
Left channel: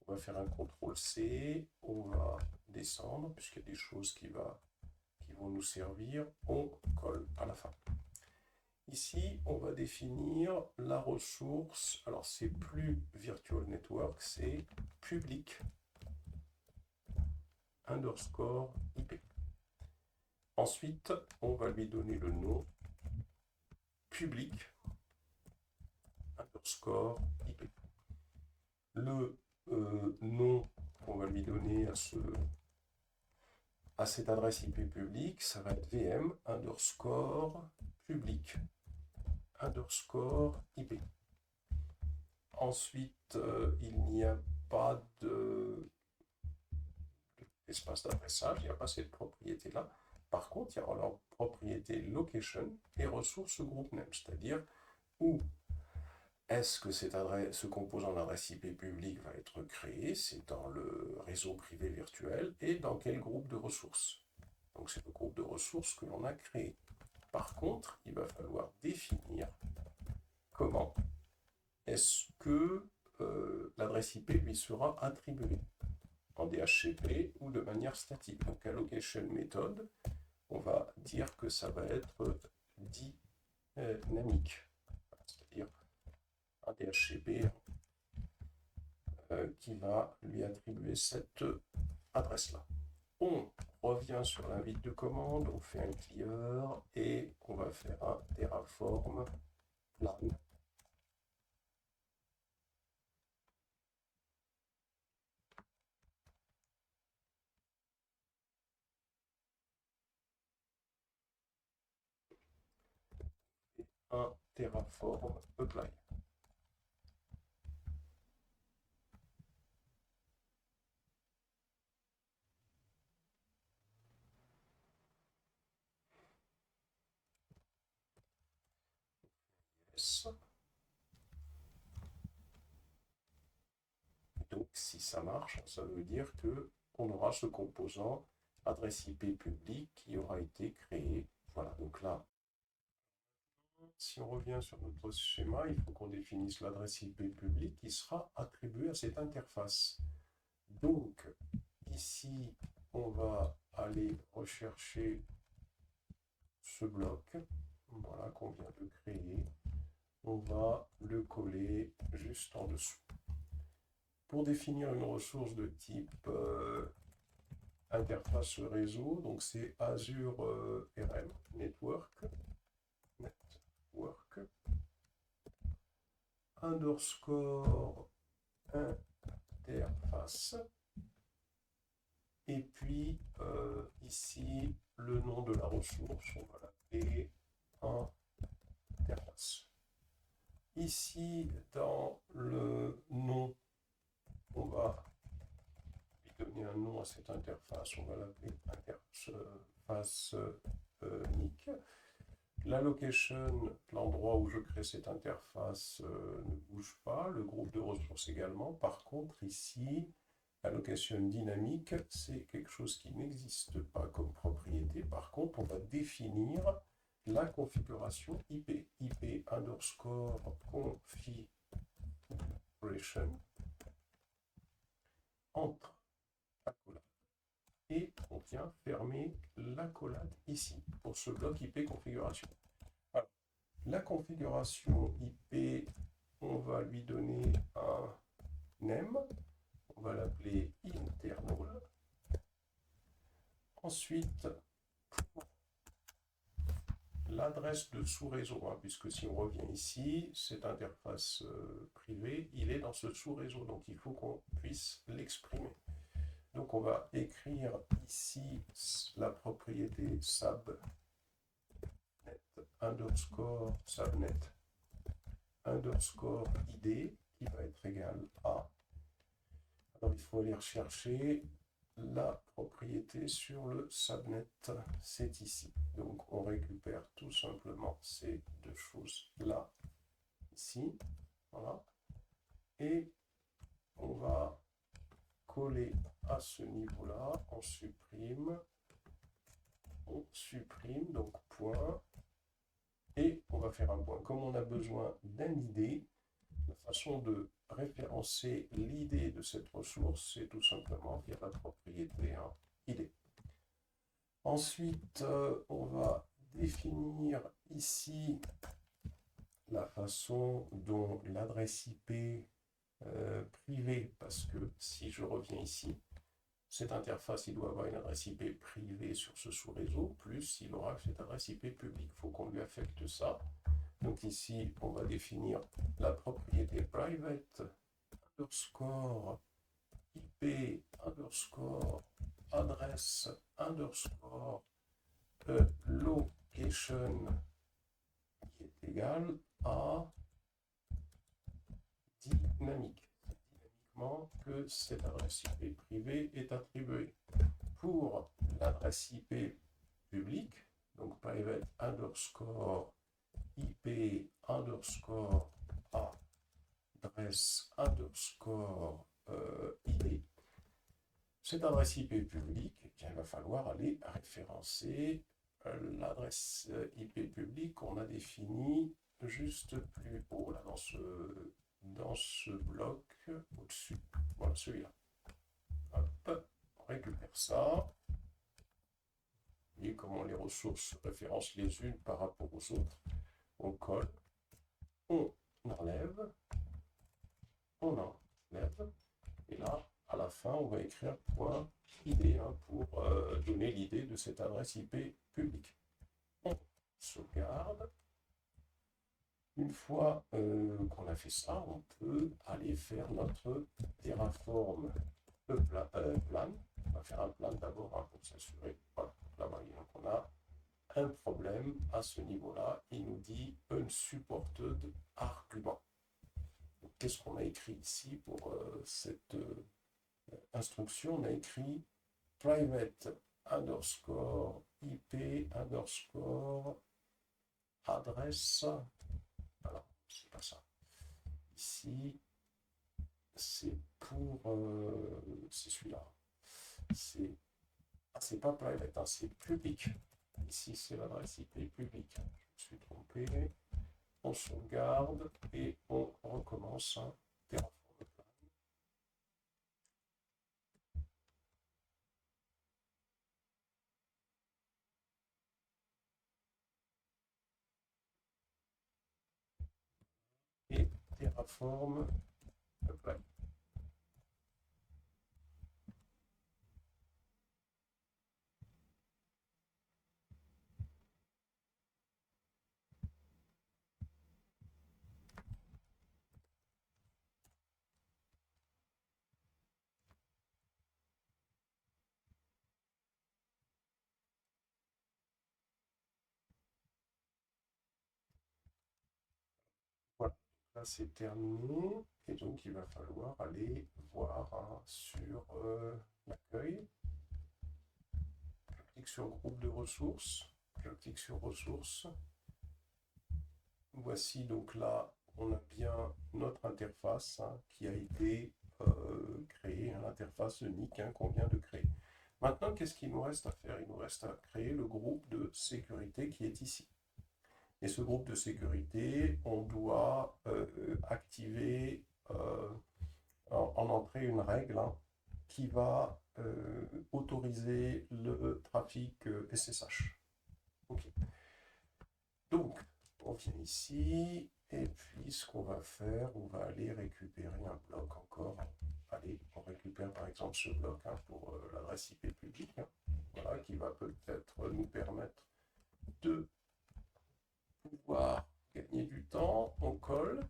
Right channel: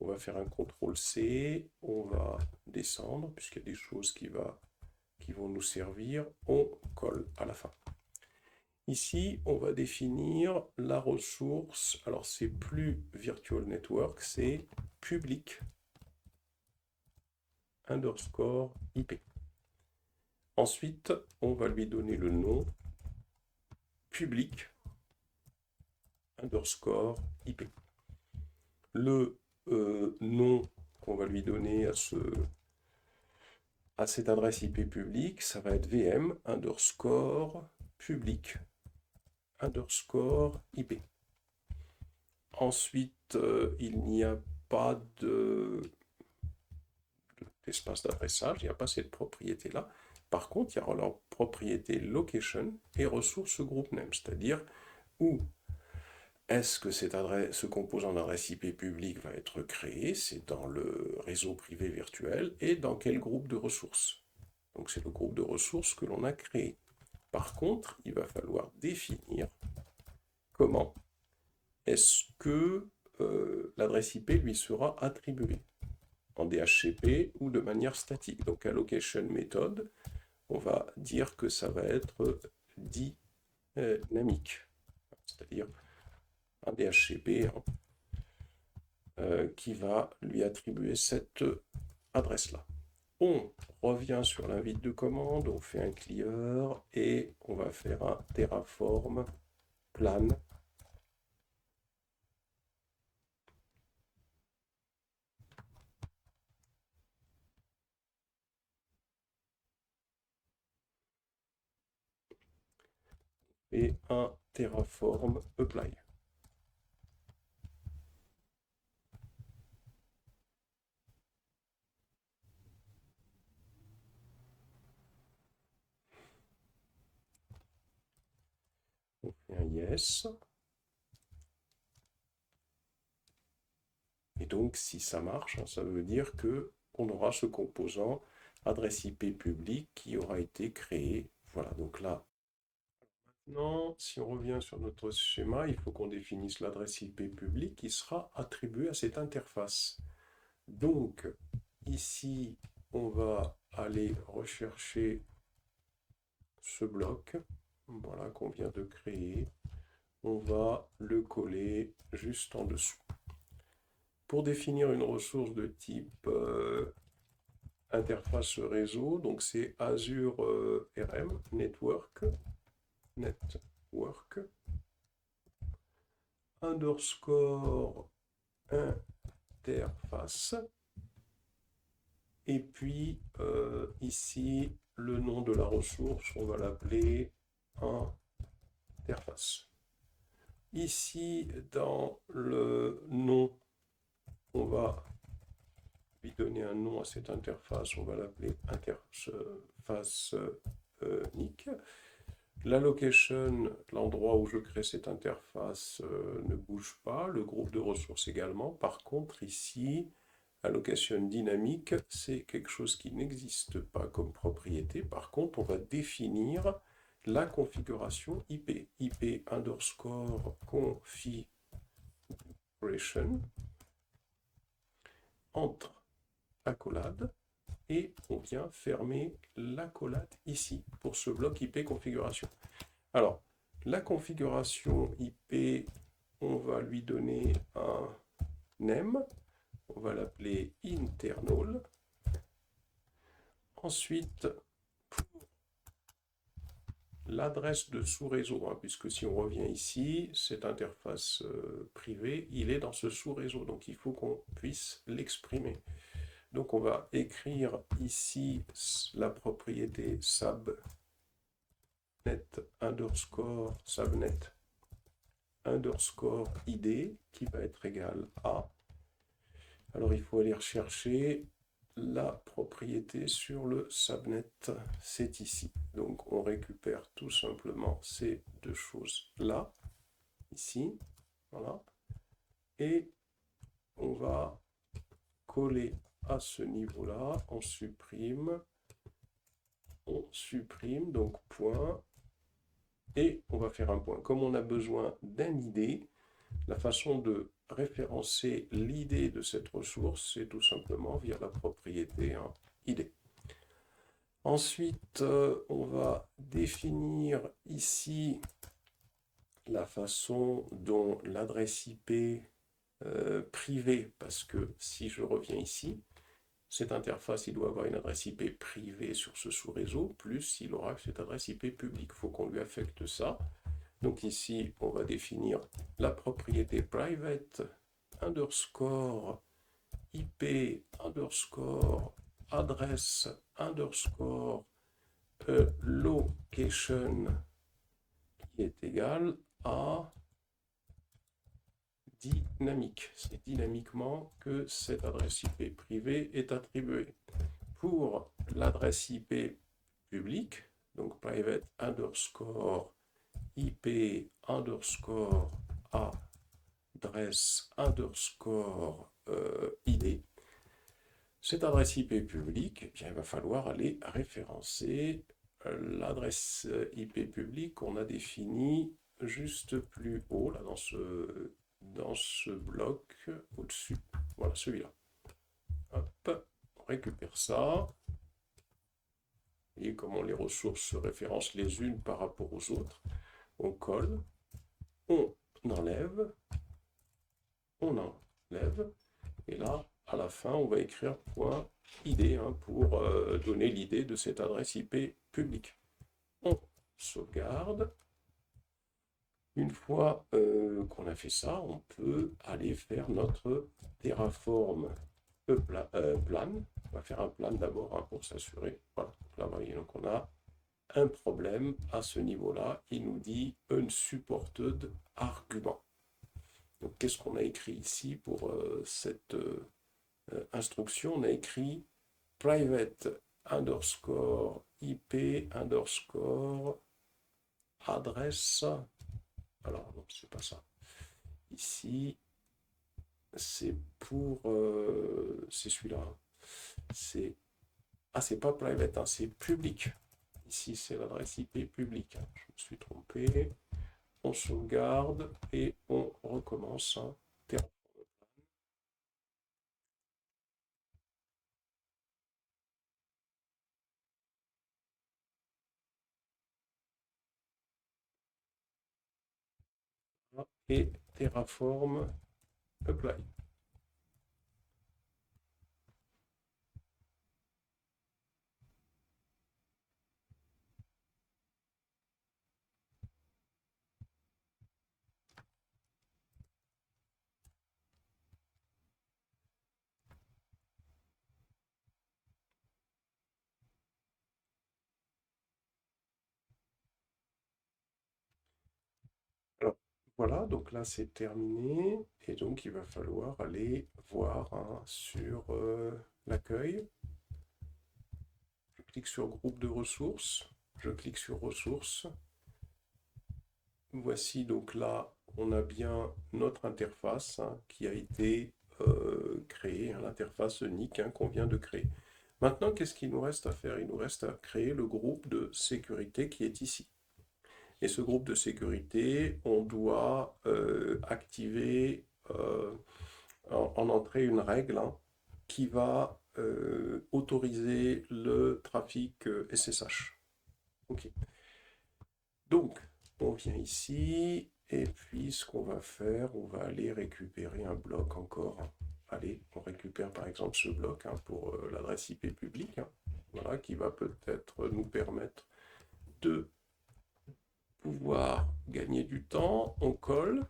On va faire un CTRL-C, on va descendre, puisqu'il y a des choses qui vont nous servir. On colle à la fin. Ici, on va définir la ressource. Alors, c'est plus Virtual Network, c'est public underscore IP. Ensuite, on va lui donner le nom public underscore IP. Le nom qu'on va lui donner à cette adresse IP publique, ça va être VM underscore public underscore IP. Ensuite, il n'y a pas d'espace d'adressage, il n'y a pas cette propriété-là. Par contre, il y aura leur propriété location et ressource group name, c'est-à-dire où est-ce que ce composant d'adresse IP publique va être créé? C'est dans le réseau privé virtuel et dans quel groupe de ressources? Donc c'est le groupe de ressources que l'on a créé. Par contre, il va falloir définir comment est-ce que l'adresse IP lui sera attribuée en DHCP ou de manière statique. Donc allocation method, on va dire que ça va être dynamique, c'est-à-dire un DHCP qui va lui attribuer cette adresse-là. On revient sur l'invite de commande, on fait un clear et on va faire un Terraform plan. Et un Terraform apply. On fait un yes. Et donc, si ça marche, ça veut dire que on aura ce composant adresse IP publique qui aura été créé. Voilà, donc là, maintenant, si on revient sur notre schéma, il faut qu'on définisse l'adresse IP publique qui sera attribuée à cette interface. Donc, ici, on va aller rechercher ce bloc, voilà, qu'on vient de créer. On va le coller juste en dessous. Pour définir une ressource de type interface réseau, donc c'est Azure RM, Network, underscore interface, et puis ici, le nom de la ressource, on va l'appeler interface. Ici, dans le nom, on va lui donner un nom à cette interface, on va l'appeler interface unique. La location, l'endroit où je crée cette interface, ne bouge pas, le groupe de ressources également. Par contre, ici, la location dynamique, c'est quelque chose qui n'existe pas comme propriété. Par contre, on va définir la configuration IP. IP underscore configuration entre accolade et on vient fermer l'accolade ici pour ce bloc IP configuration. Alors, la configuration IP, on va lui donner un name, on va l'appeler internal. Ensuite, pour l'adresse de sous-réseau, puisque si on revient ici, cette interface privée, il est dans ce sous-réseau, donc il faut qu'on puisse l'exprimer. Donc on va écrire ici la propriété subnet underscore subnet underscore id qui va être égal à. Alors il faut aller rechercher la propriété sur le subnet, c'est ici. Donc on récupère tout simplement ces deux choses-là, ici, voilà. Et on va coller à ce niveau-là, on supprime, donc point, et on va faire un point. Comme on a besoin d'un ID, la façon de référencer l'ID de cette ressource, c'est tout simplement via la propriété ID. Ensuite, on va définir ici la façon dont l'adresse IP privée, parce que si je reviens ici, cette interface, il doit avoir une adresse IP privée sur ce sous-réseau, plus il aura cette adresse IP publique. Il faut qu'on lui affecte ça. Donc ici, on va définir la propriété private underscore IP underscore adresse underscore location qui est égal à dynamique. C'est dynamiquement que cette adresse IP privée est attribuée. Pour l'adresse IP publique, donc private underscore IP underscore adresse underscore ID, cette adresse IP publique, eh bien, il va falloir aller référencer l'adresse IP publique qu'on a définie juste plus haut, là, dans ce bloc au-dessus. Voilà, celui-là. Hop, on récupère ça. Vous voyez comment les ressources se référencent les unes par rapport aux autres. On colle, on enlève, et là, à la fin, on va écrire .id pour donner l'idée de cette adresse IP publique. On sauvegarde. Une fois qu'on a fait ça, on peut aller faire notre Terraform plan. On va faire un plan d'abord pour s'assurer. Voilà, donc là, vous voyez, donc on a un problème à ce niveau-là. Il nous dit unsupported argument. Donc, qu'est-ce qu'on a écrit ici pour cette instruction? On a écrit private underscore IP underscore adresse. Alors, non, c'est pas ça. Ici, c'est pour. C'est celui-là. C'est. Ah, c'est pas private, c'est public. Ici, c'est l'adresse IP publique. Je me suis trompé. On sauvegarde et on recommence. Et Terraform apply. Voilà, donc là c'est terminé. Et donc il va falloir aller voir sur l'accueil. Je clique sur groupe de ressources. Je clique sur ressources. Voici donc là, on a bien notre interface qui a été créée, l'interface unique qu'on vient de créer. Maintenant, qu'est-ce qu'il nous reste à faire? Il nous reste à créer le groupe de sécurité qui est ici. Et ce groupe de sécurité, on doit activer en entrée une règle qui va autoriser le trafic SSH. Ok. Donc, on vient ici, et puis ce qu'on va faire, on va aller récupérer un bloc encore. Allez, on récupère par exemple ce bloc pour l'adresse IP publique, voilà, qui va peut-être nous permettre de pouvoir gagner du temps. On colle,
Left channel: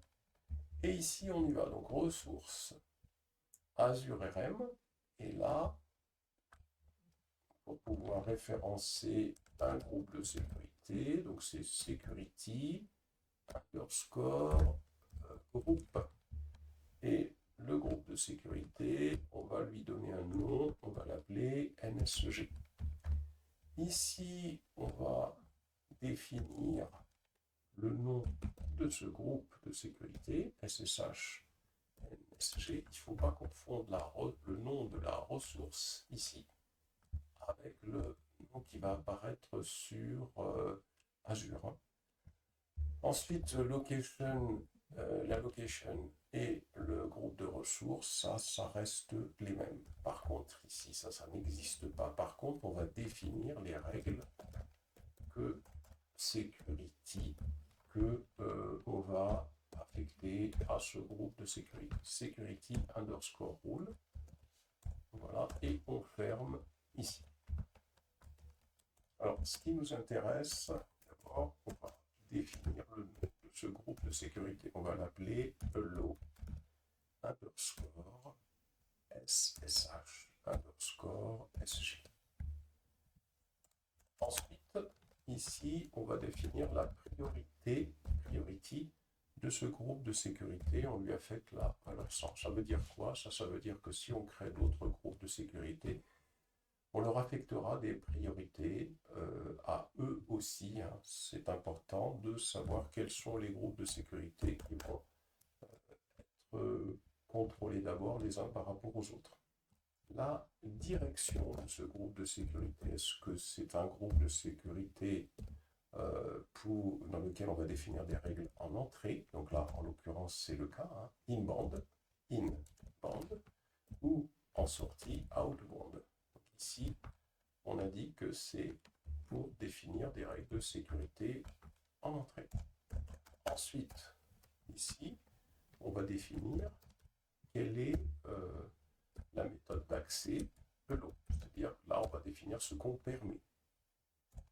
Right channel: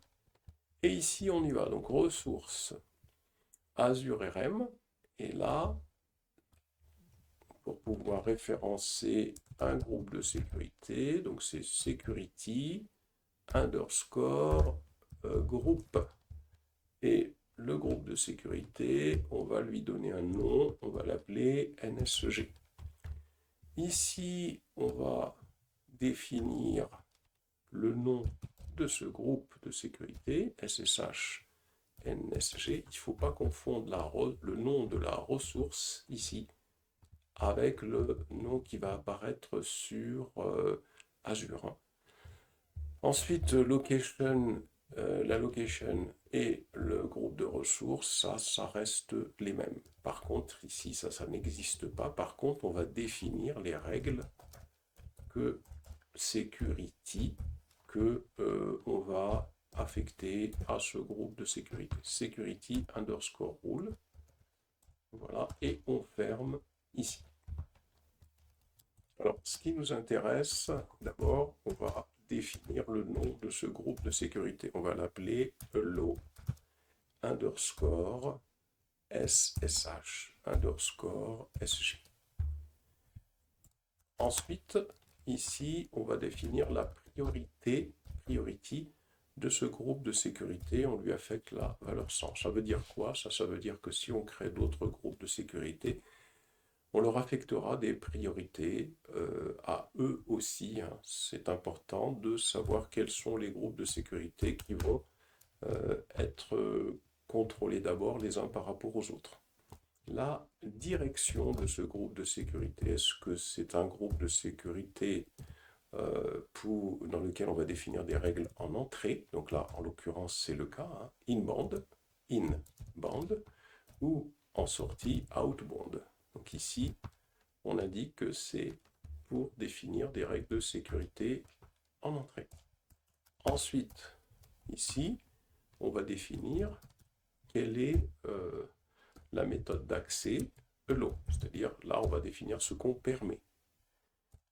et ici on y va. Donc ressources, Azure RM, et là, pour pouvoir référencer un groupe de sécurité, donc c'est security underscore groupe. Et le groupe de sécurité, on va lui donner un nom, on va l'appeler NSG. Ici, on va définir le nom de ce groupe de sécurité, SSH NSG. Il ne faut pas confondre le nom de la ressource ici avec le nom qui va apparaître sur Azure. Ensuite, location, la location et le groupe de ressources, ça reste les mêmes. Par contre, ici, ça n'existe pas. Par contre, on va définir les règles que security que on va affecter à ce groupe de sécurité. Security underscore rule. Voilà, et on ferme ici. Alors, ce qui nous intéresse, d'abord, on va définir le nom de ce groupe de sécurité. On va l'appeler hello underscore SSH underscore SG. Ensuite, ici, on va définir la priority de ce groupe de sécurité. On lui affecte la valeur 100. Ça veut dire quoi? Ça veut dire que si on crée d'autres groupes de sécurité, on leur affectera des priorités à eux aussi. C'est important de savoir quels sont les groupes de sécurité qui vont être contrôlés d'abord les uns par rapport aux autres. La direction de ce groupe de sécurité, est-ce que c'est un groupe de sécurité dans lequel on va définir des règles en entrée? Donc là, en l'occurrence, c'est le cas, inbound, ou en sortie, outbound. Donc ici, on a dit que c'est pour définir des règles de sécurité en entrée. Ensuite, ici, on va définir quelle est la méthode d'accès hello, c'est-à-dire là, on va définir ce qu'on permet.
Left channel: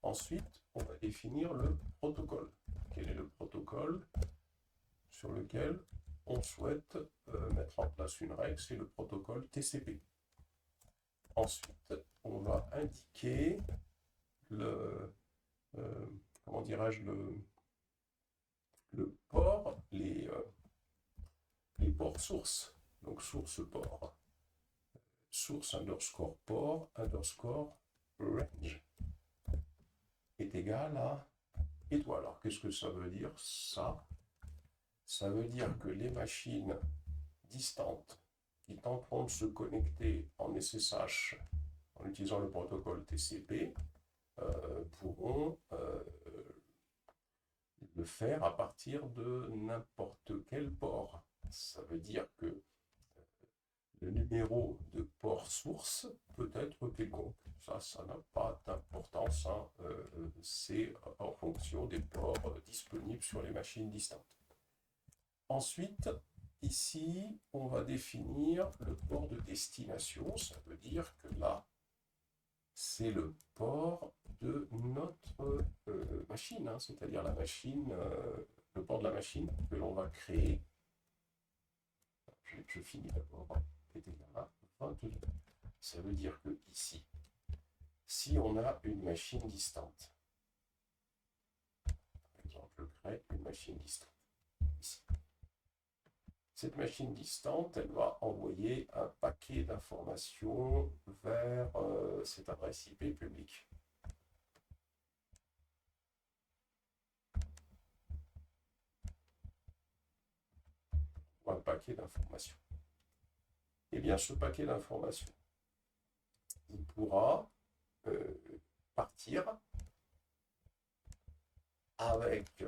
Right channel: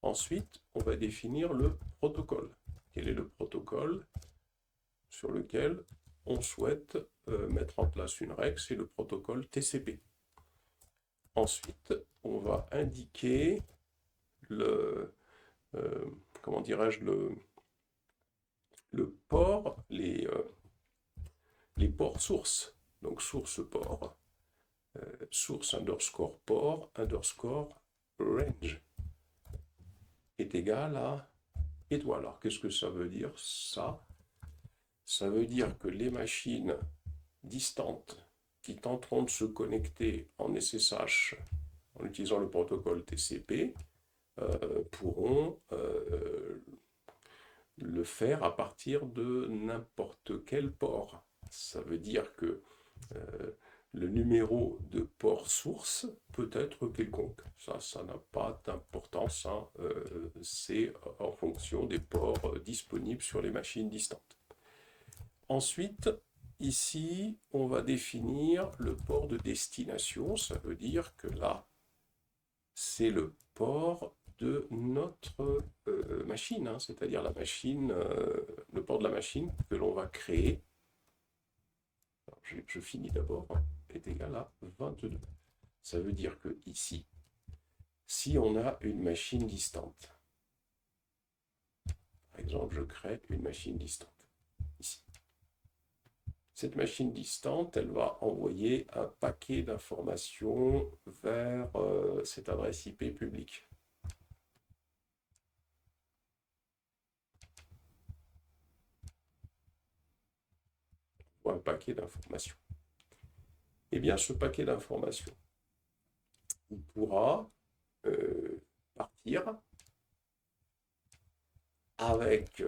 Ensuite, on va définir le protocole. Quel est le protocole sur lequel on souhaite mettre en place une règle? C'est le protocole TCP. Ensuite, on va indiquer comment dirais-je, le port, les ports sources. Donc source port, source underscore port underscore range est égal à étoile. Alors qu'est-ce que ça veut dire ça? Ça veut dire que les machines distantes qui tenteront de se connecter en SSH en utilisant le protocole TCP pourront le faire à partir de n'importe quel port. Ça veut dire que le numéro de port source peut être quelconque. Ça n'a pas d'importance. C'est en fonction des ports disponibles sur les machines distantes. Ensuite, ici, on va définir le port de destination. Ça veut dire que là, c'est le port de notre machine, c'est-à-dire la machine, le port de la machine que l'on va créer. Alors, je finis d'abord, est égal à 22. Ça veut dire que ici, si on a une machine distante, par exemple, je crée une machine distante, ici. Cette machine distante, elle va envoyer un paquet d'informations vers cette adresse IP publique. Ou un paquet d'informations. Eh bien, ce paquet d'informations, il pourra partir avec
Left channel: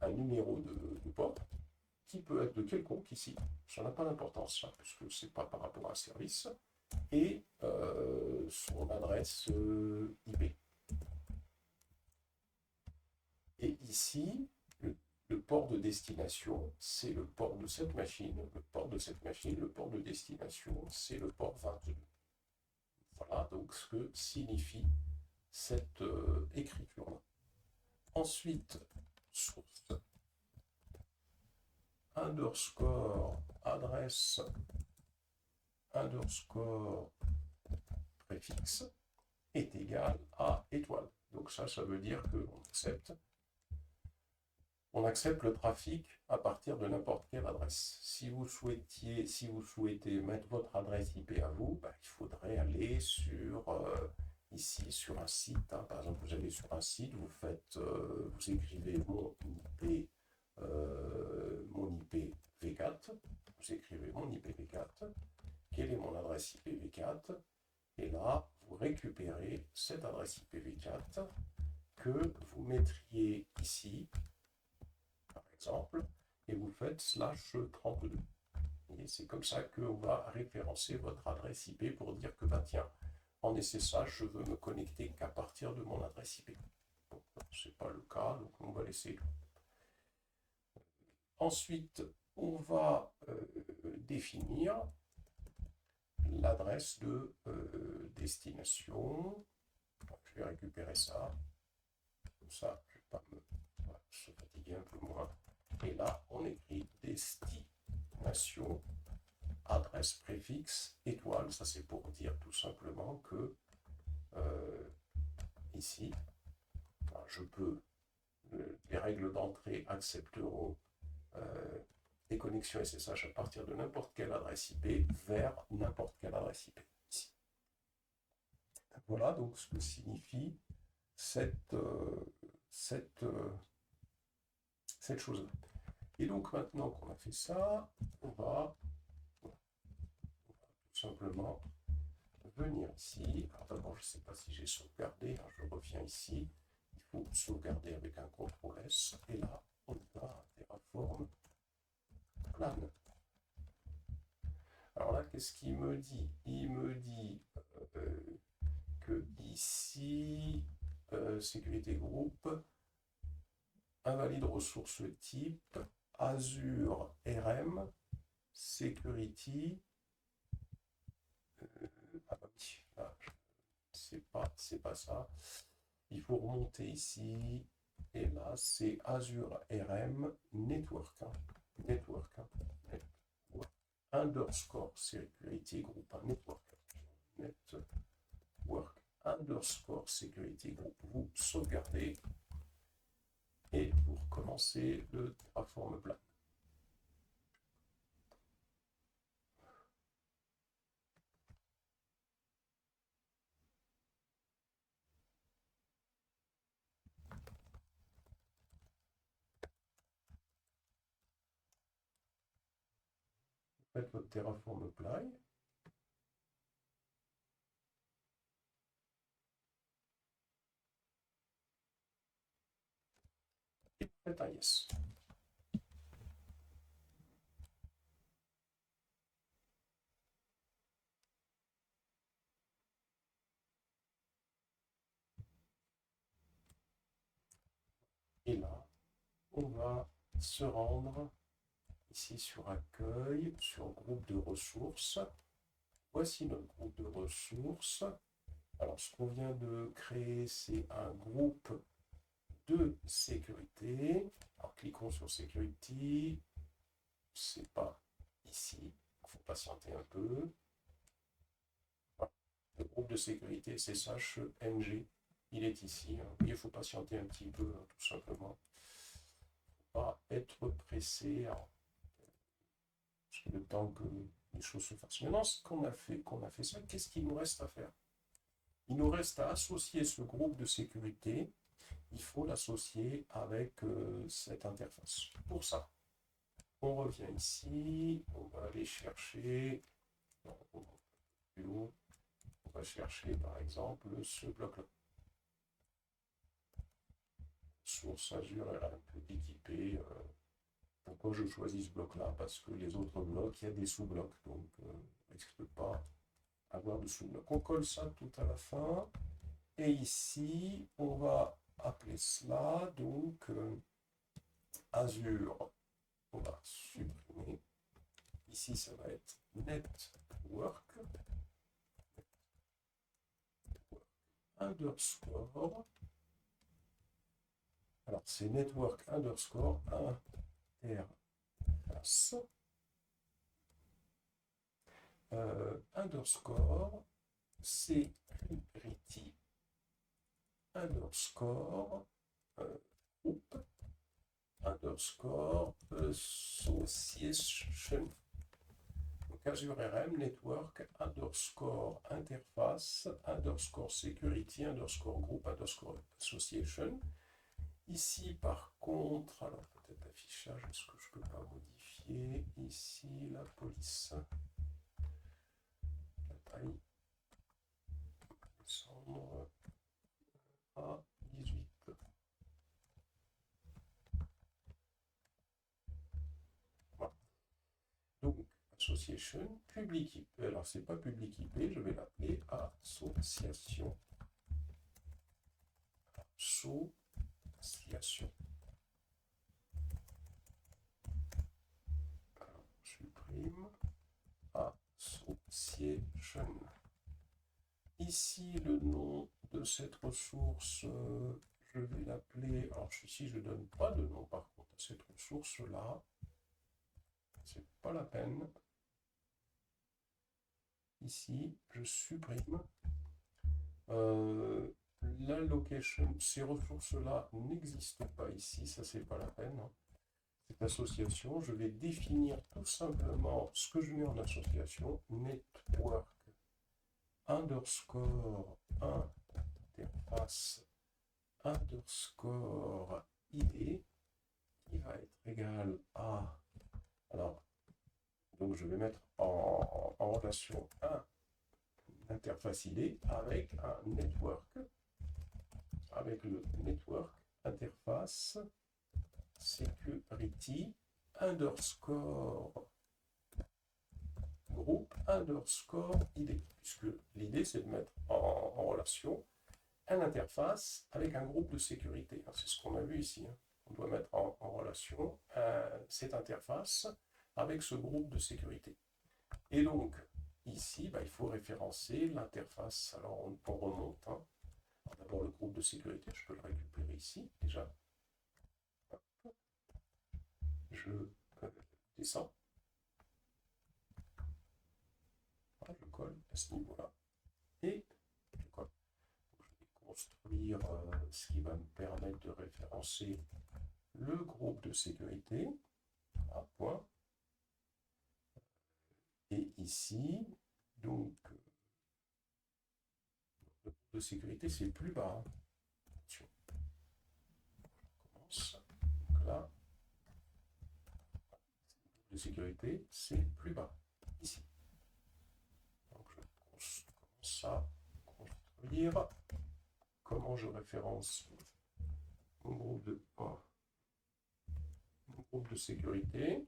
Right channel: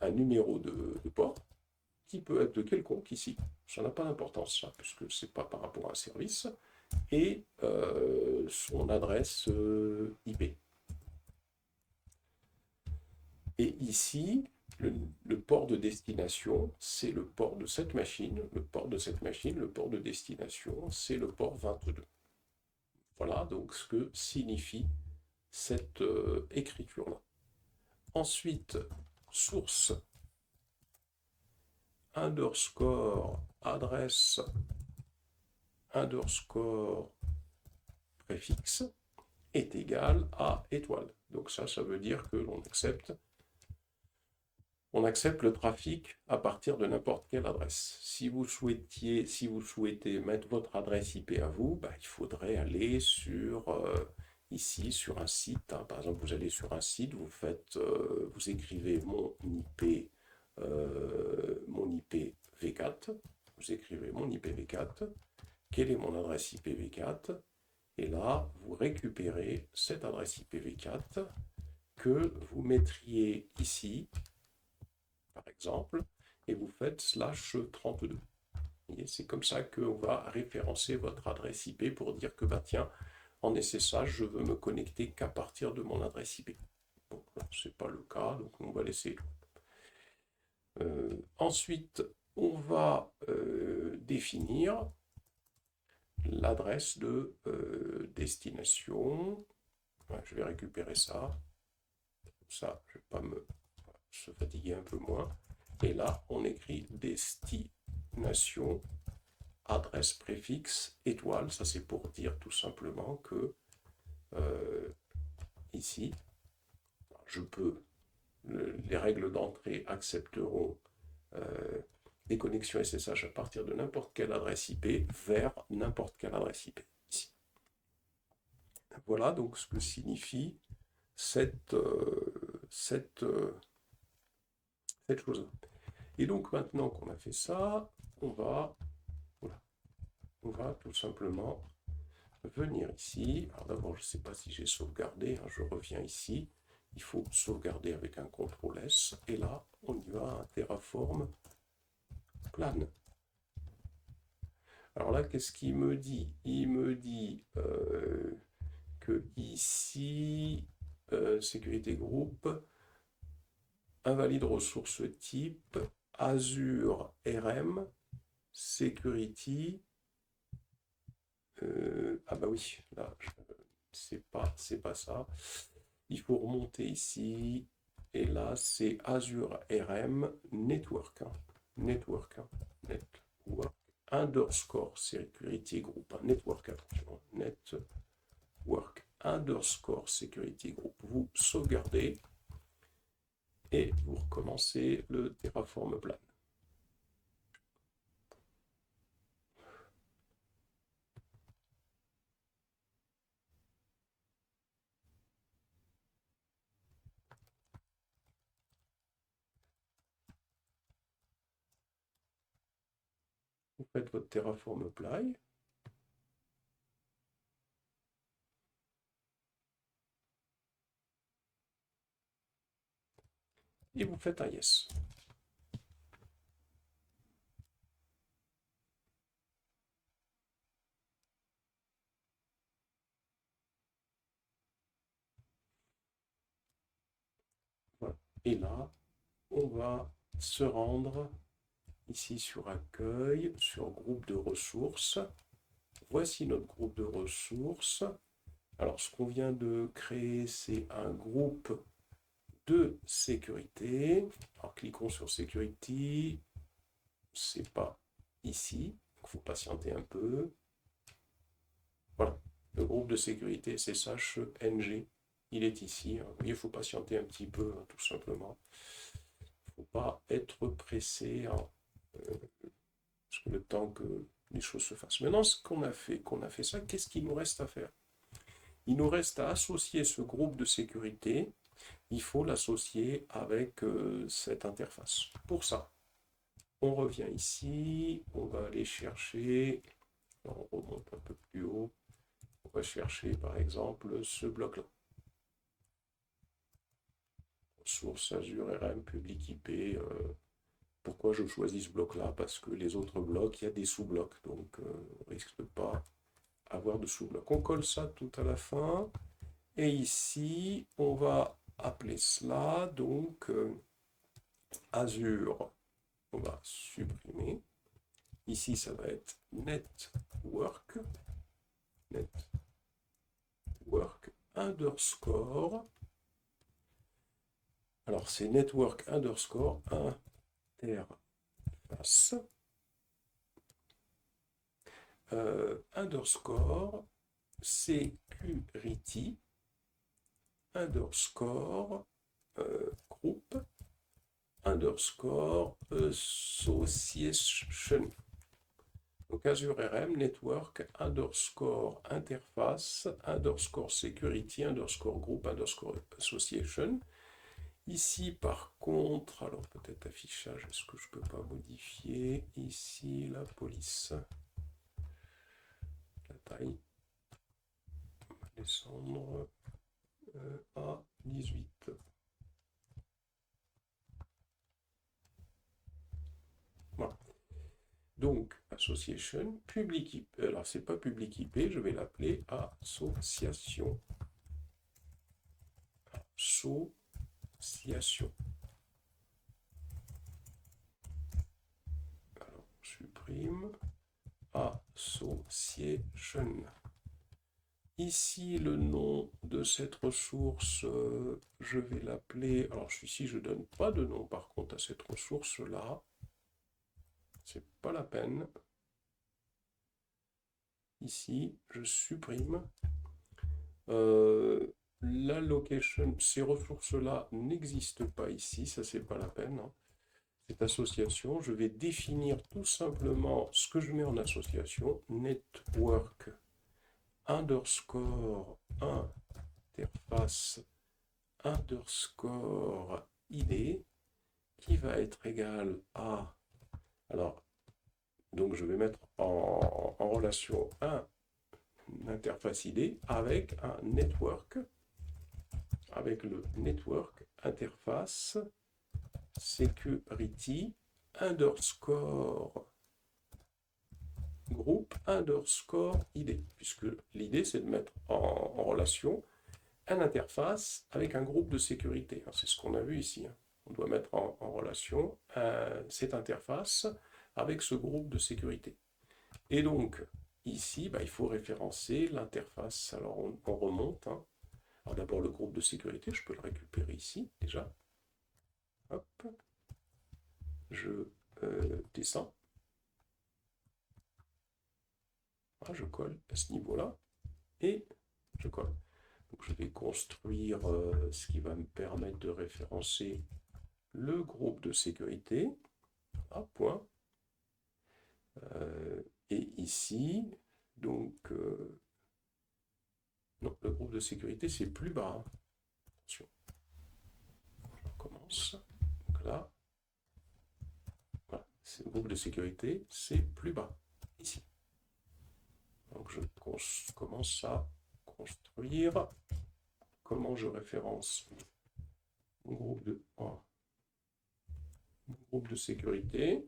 un numéro de port qui peut être de quelconque ici. Ça n'a pas d'importance, ça, puisque ce n'est pas par rapport à un service, et son adresse IP. Et ici, le port de destination, c'est le port de cette machine. Le port de cette machine, le port de destination, c'est le port 22. Voilà donc ce que signifie cette écriture-là. Ensuite, source underscore adresse underscore préfixe est égal à étoile. Donc ça veut dire que l'on accepte le trafic à partir de n'importe quelle adresse. Si vous souhaitez mettre votre adresse IP à vous, il faudrait aller ici sur un site. Par exemple, vous allez sur un site, vous écrivez mon IP V4. Vous écrivez mon IP V4. Quelle est mon adresse IP V4? Et là, vous récupérez cette adresse IPv4 que vous mettriez ici, par exemple, et vous faites /32. C'est comme ça qu'on va référencer votre adresse IP pour dire que, tiens, en SSH, je veux me connecter qu'à partir de mon adresse IP. Bon, ce n'est pas le cas, donc on va laisser. Ensuite, on va définir l'adresse de destination. Je vais récupérer ça. Comme ça, je ne vais pas se fatiguer un peu moins. Et là, on écrit destination, adresse préfixe, étoile. Ça, c'est pour dire tout simplement que ici, les règles d'entrée accepteront des connexions SSH à partir de n'importe quelle adresse IP vers n'importe quelle adresse IP. Ici. Voilà donc ce que signifie cette chose-là. Et donc maintenant qu'on a fait ça, on va tout simplement venir ici. Alors d'abord, je ne sais pas si j'ai sauvegardé, je reviens ici. Il faut sauvegarder avec un CTRL S. Et là, on y va, un Terraform plane. Alors là, qu'est-ce qu'il me dit? Il me dit que ici, sécurité groupe, invalide ressource type, Azure RM, security. Oui, là, c'est pas ça. Il faut remonter ici. Et là, c'est Azure RM Network. Network underscore security group. Network, attention. Network underscore security group. Vous sauvegardez et vous recommencez le Terraform plan. Vous faites votre Terraform apply. Et vous faites un yes. Voilà. Et là, on va se rendre ici sur accueil, sur groupe de ressources. Voici notre groupe de ressources. Alors, ce qu'on vient de créer, c'est un groupe de sécurité. Alors, cliquons sur Security. C'est pas ici. Il faut patienter un peu. Voilà. Le groupe de sécurité SSH NG. Il est ici. Il faut patienter un petit peu, tout simplement. Il ne faut pas être pressé. parce que le temps que les choses se fassent. Maintenant, qu'on a fait ça, qu'est-ce qu'il nous reste à faire? Il nous reste à associer ce groupe de sécurité. Il faut l'associer avec cette interface. Pour ça, on revient ici, on va aller chercher, on remonte un peu plus haut, on va chercher par exemple ce bloc-là. Source Azure RM public IP. Pourquoi je choisis ce bloc-là? Parce que les autres blocs, il y a des sous-blocs, donc on risque de pas avoir de sous-blocs. On colle ça tout à la fin, et ici, on va appeler cela donc Azure. On va supprimer. Ici, ça va être network underscore. Alors, c'est network underscore interface underscore security underscore group underscore association. Donc Azure RM network underscore interface underscore security underscore group underscore association. Ici, par contre, alors peut-être affichage, est-ce que je peux pas modifier ici la police, la taille, on va descendre à 18. Voilà. Donc, association, public IP. Alors, c'est pas public IP, je vais l'appeler association. Association. Alors, supprime. Association. Ici, le nom de cette ressource, je vais l'appeler. Alors, ici, je ne donne pas de nom par contre à cette ressource-là. C'est pas la peine. Ici, je supprime. La location, ces ressources-là n'existent pas ici, ça c'est pas la peine. Hein. Cette association, je vais définir tout simplement ce que je mets en association, network underscore interface underscore ID qui va être égal à, alors, donc je vais mettre en relation un interface ID avec un network, avec le network interface security underscore groupe underscore ID, puisque l'idée c'est de mettre en relation une interface avec un groupe de sécurité. C'est ce qu'on a vu ici. On doit mettre en relation cette interface avec ce groupe de sécurité. Et donc, ici, il faut référencer l'interface. Alors, on remonte. Hein. Alors, d'abord, le groupe de sécurité, je peux le récupérer ici, déjà. Hop. Je descends. Voilà, je colle à ce niveau-là. Et je colle. Donc, je vais construire ce qui va me permettre de référencer le groupe de sécurité. Ah, point. Et ici, donc, non, le groupe de sécurité, c'est plus bas. Hein. Attention. Je recommence. Donc là, voilà, le groupe de sécurité, c'est plus bas, ici. Donc je commence à construire. Comment je référence mon groupe de sécurité.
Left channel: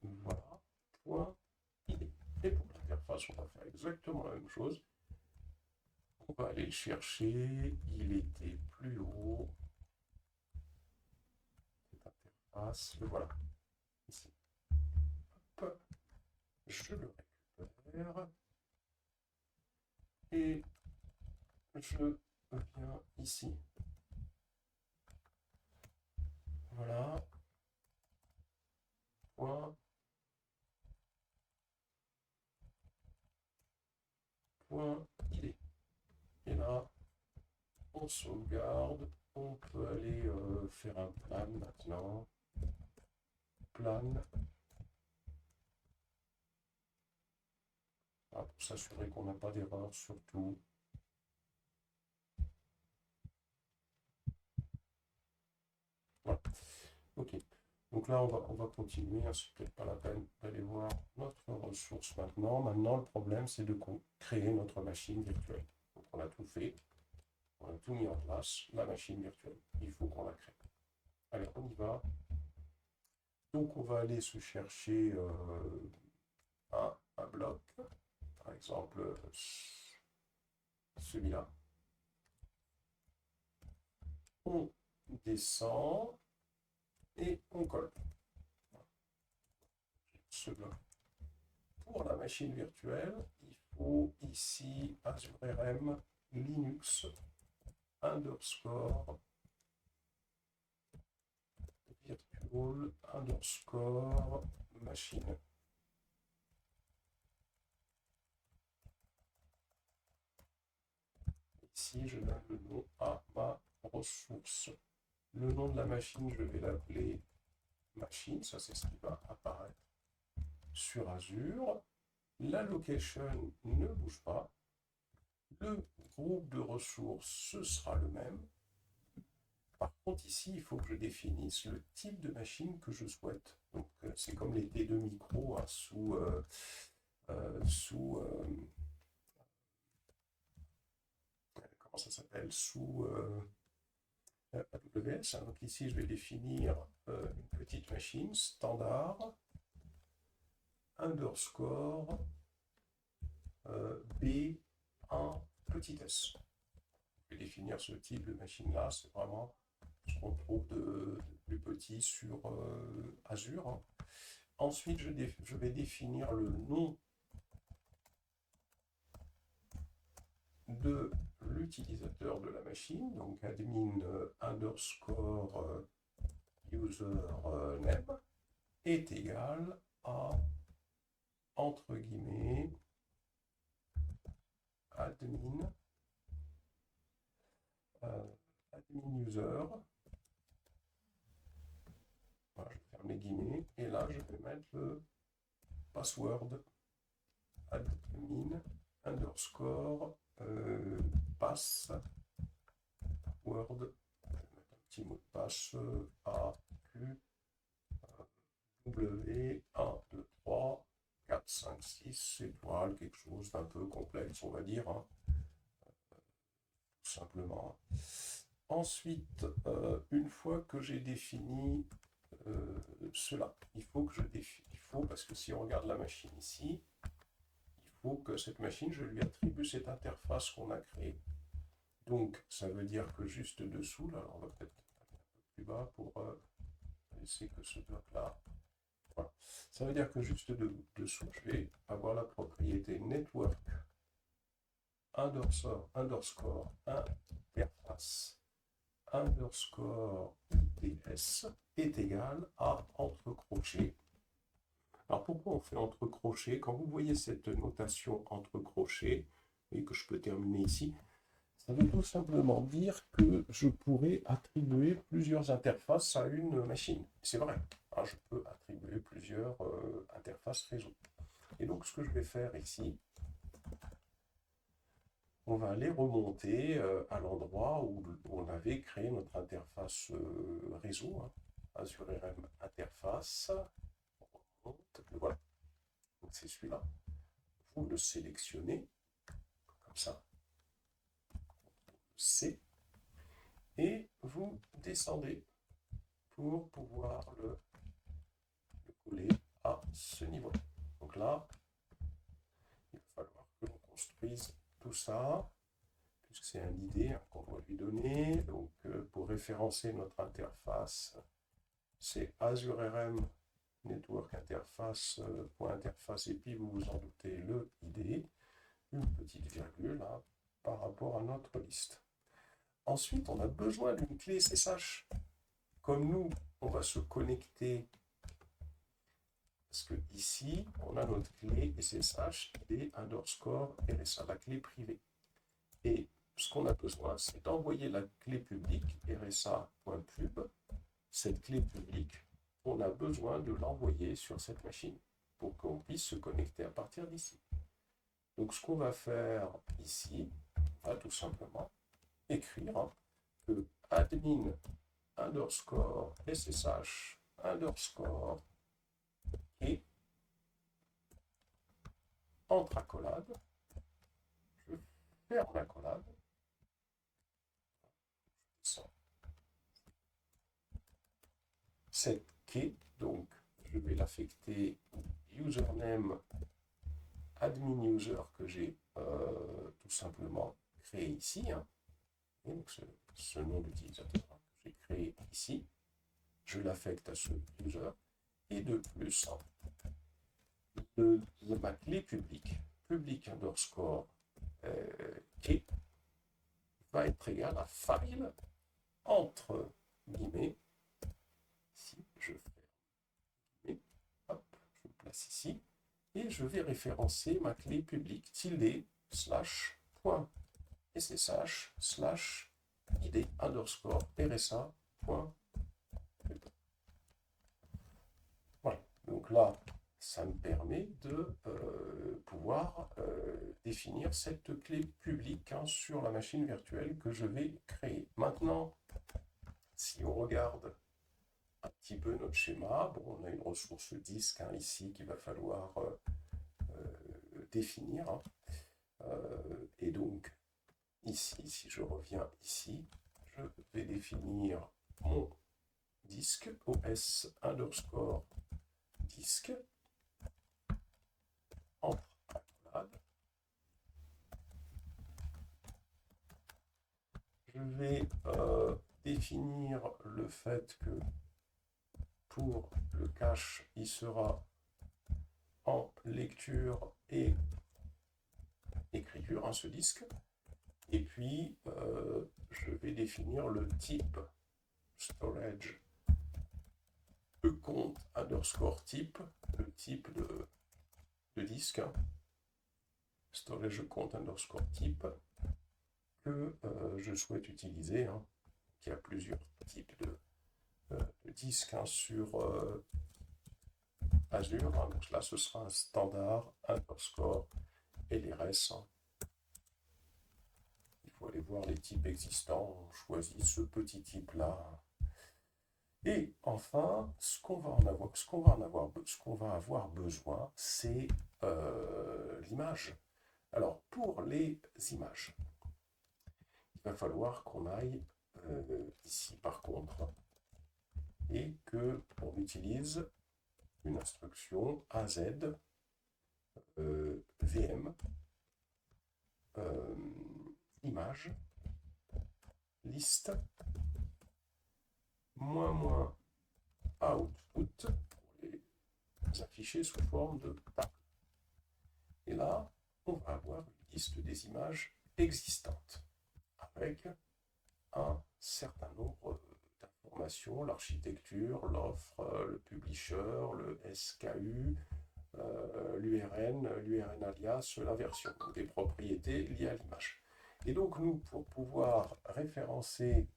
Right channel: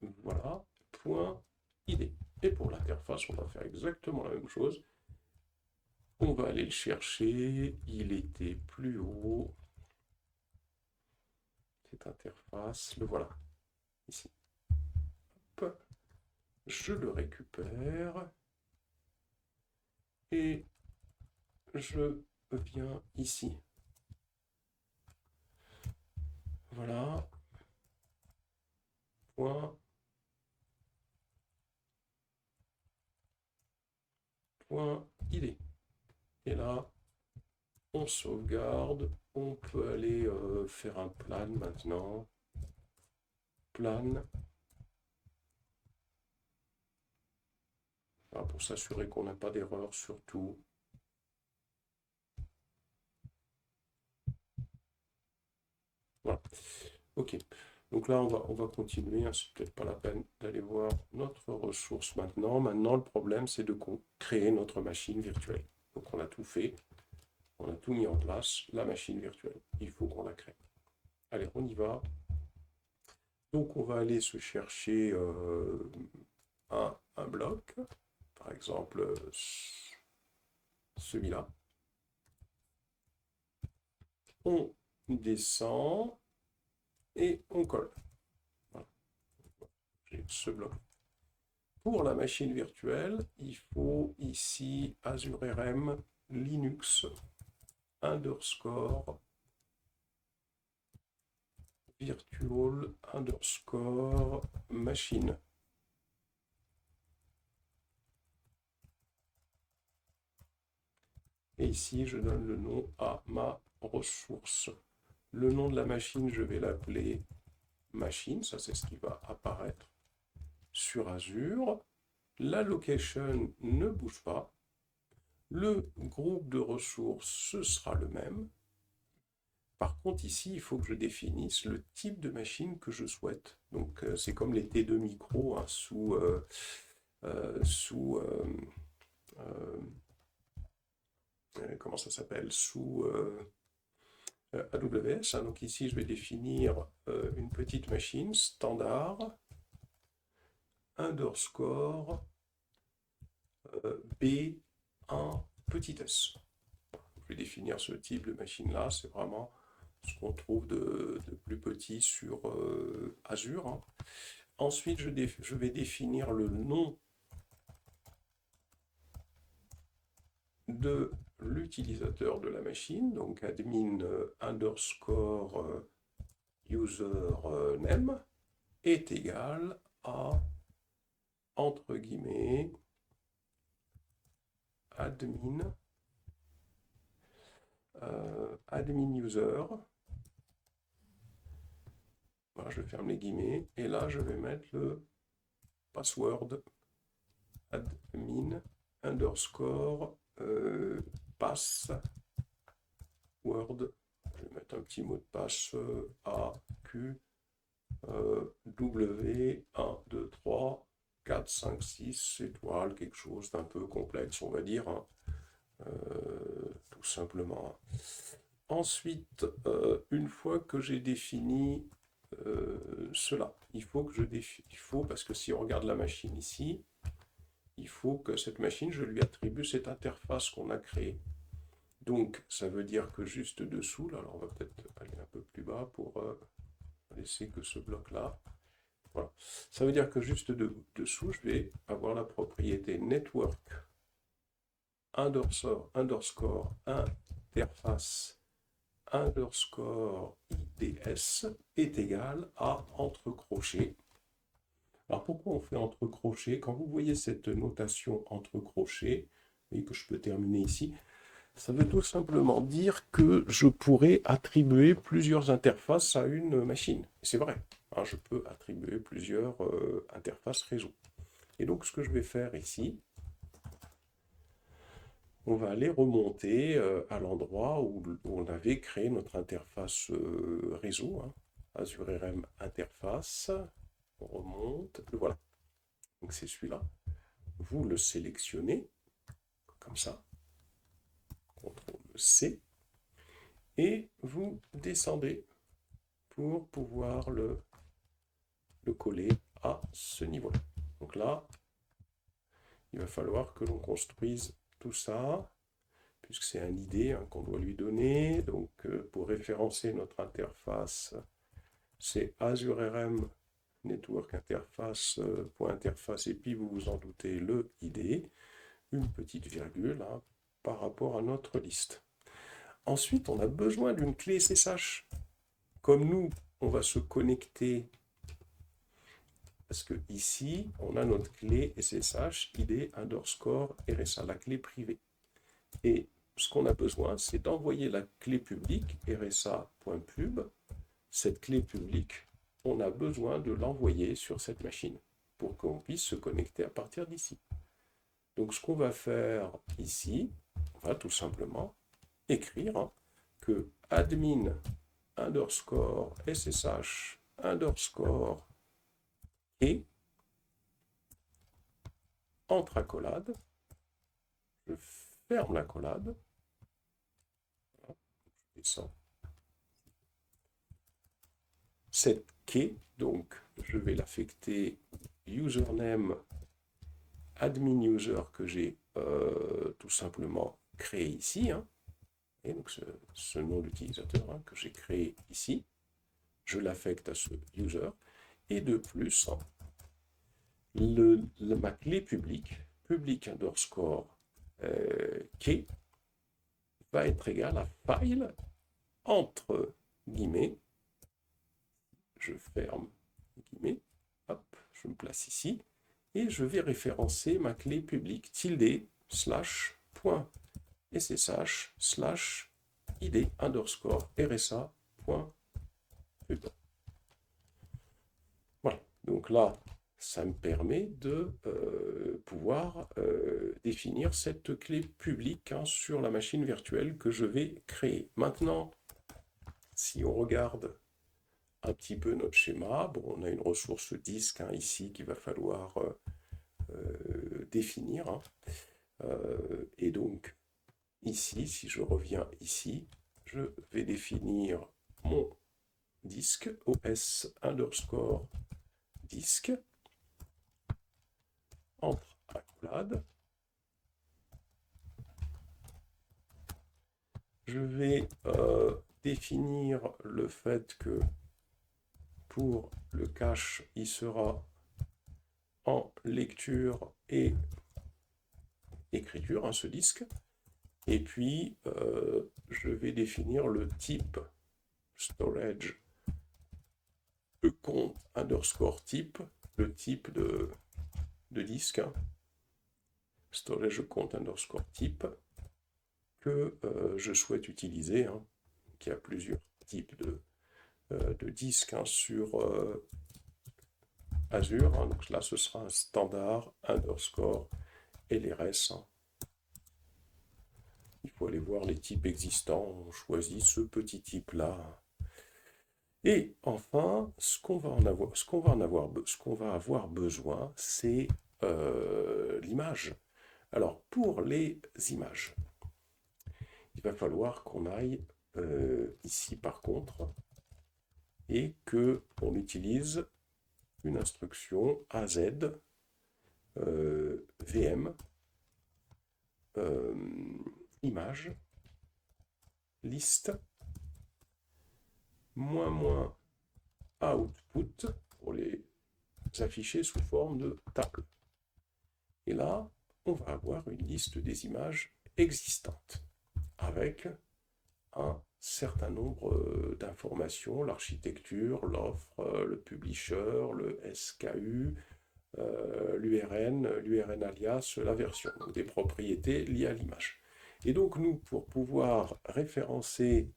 Voilà, point ID. Et pour l'interface, on va faire exactement la même chose. On va aller le chercher. Il était plus haut. Cette interface, le voilà. Ici. Hop. Je le récupère. Et je viens ici. Voilà. Point. Point ID. Et là, on sauvegarde. On peut aller faire un plan maintenant. plane. Voilà, pour s'assurer qu'on n'a pas d'erreur surtout. Voilà. Ok. Donc là, on va continuer. Hein. C'est peut-être pas la peine d'aller voir notre ressource maintenant. Maintenant, le problème, c'est de créer notre machine virtuelle. Donc on a tout fait. On a tout mis en place. La machine virtuelle. Il faut qu'on la crée. Allez, on y va. Donc on va aller se chercher un bloc. Par exemple, celui-là. On descend et on colle. Voilà. J'ai ce bloc. Pour la machine virtuelle, il faut ici Azure RM Linux underscore virtual underscore machine. Et ici, je donne le nom à ma ressource. Le nom de la machine, je vais l'appeler machine. Ça, c'est ce qui va apparaître sur Azure. La location ne bouge pas. Le groupe de ressources, ce sera le même. Par contre, ici, il faut que je définisse le type de machine que je souhaite. Donc, c'est comme les T2 micro hein, sous comment ça s'appelle sous AWS. Hein. Donc ici, je vais définir une petite machine standard underscore B1 petit s. Je vais définir ce type de machine-là. C'est vraiment ce qu'on trouve de plus petit sur Azure. Hein. Ensuite, je vais définir le nom de l'utilisateur de la machine, donc admin underscore username est égal à entre guillemets admin admin user. Voilà, je ferme les guillemets et là je vais mettre le password admin underscore password. Je vais mettre un petit mot de passe A Q W 1 2 3 4 5 6 étoiles, quelque chose d'un peu complexe on va dire. Hein. Tout simplement. Ensuite, une fois que j'ai défini cela, il faut que parce que si on regarde la machine ici, il faut que cette machine, je lui attribue cette interface qu'on a créée. Donc, ça veut dire que juste dessous, là, alors on va peut-être aller un peu plus bas pour laisser que ce bloc-là. Voilà. Ça veut dire que juste dessous, je vais avoir la propriété network underscore interface underscore IDS est égal à entre crochets. Alors pourquoi on fait entre crochets? Quand vous voyez cette notation entre crochets, et que je peux terminer ici, ça veut tout simplement dire que je pourrais attribuer plusieurs interfaces à une machine. C'est vrai, hein, je peux attribuer plusieurs interfaces réseau. Et donc ce que je vais faire ici, on va aller remonter à l'endroit où on avait créé notre interface réseau, hein, Azure RM interface. On remonte, le voilà. Donc c'est celui-là. Vous le sélectionnez, comme ça. CTRL-C. Et vous descendez pour pouvoir le coller à ce niveau-là. Donc là, il va falloir que l'on construise tout ça, puisque c'est un ID hein, qu'on doit lui donner. Donc pour référencer notre interface, c'est Azure RM Network Interface, .interface, et puis vous vous en doutez, le ID, une petite virgule hein, par rapport à notre liste. Ensuite, on a besoin d'une clé SSH. Comme nous, on va se connecter, parce que ici, on a notre clé SSH ID underscore RSA, la clé privée. Et ce qu'on a besoin, c'est d'envoyer la clé publique RSA.pub, cette clé publique on a besoin de l'envoyer sur cette machine pour qu'on puisse se connecter à partir d'ici. Donc ce qu'on va faire ici, on va tout simplement écrire que admin underscore ssh underscore et entre accolades, je ferme l'accolade, je descends. Cette key, donc je vais l'affecter username admin user que j'ai tout simplement créé ici, et donc ce nom d'utilisateur que j'ai créé ici, je l'affecte à ce user, et de plus, ma clé publique, public underscore key, va être égale à file entre guillemets, si je ferme guillemets, hop, je me place ici, et je vais référencer ma clé publique tilde slash point ssh slash id underscore rsa point pub. Voilà, donc là, ça me permet de pouvoir définir cette clé publique sur la machine virtuelle que je vais créer. Maintenant, si on regarde un petit peu notre schéma, bon, on a une ressource disque ici qu'il va falloir définir. Et donc, ici, si je reviens ici, je vais définir mon disque os underscore disque entre accolades. Je vais définir le fait que pour le cache, il sera en lecture et écriture, ce disque. Et puis, je vais définir le type storage compte underscore type, le type de disque, storage compte underscore type, que je souhaite utiliser, qui a plusieurs types de disques sur Azure. Donc là, ce sera un standard underscore LRS. Il faut aller voir les types existants. On choisit ce petit type-là. Et enfin, ce qu'on va avoir besoin, c'est l'image. Alors, pour les images, il va falloir qu'on aille ici par contre et qu'on utilise une instruction AZ VM image list moins output pour les afficher sous forme de table. Et là, on va avoir une liste des images existantes avec un certain nombre d'informations, l'architecture, l'offre, le publisher, le SKU, l'URN alias, la version, donc des propriétés liées à l'image. Et donc nous, pour pouvoir référencer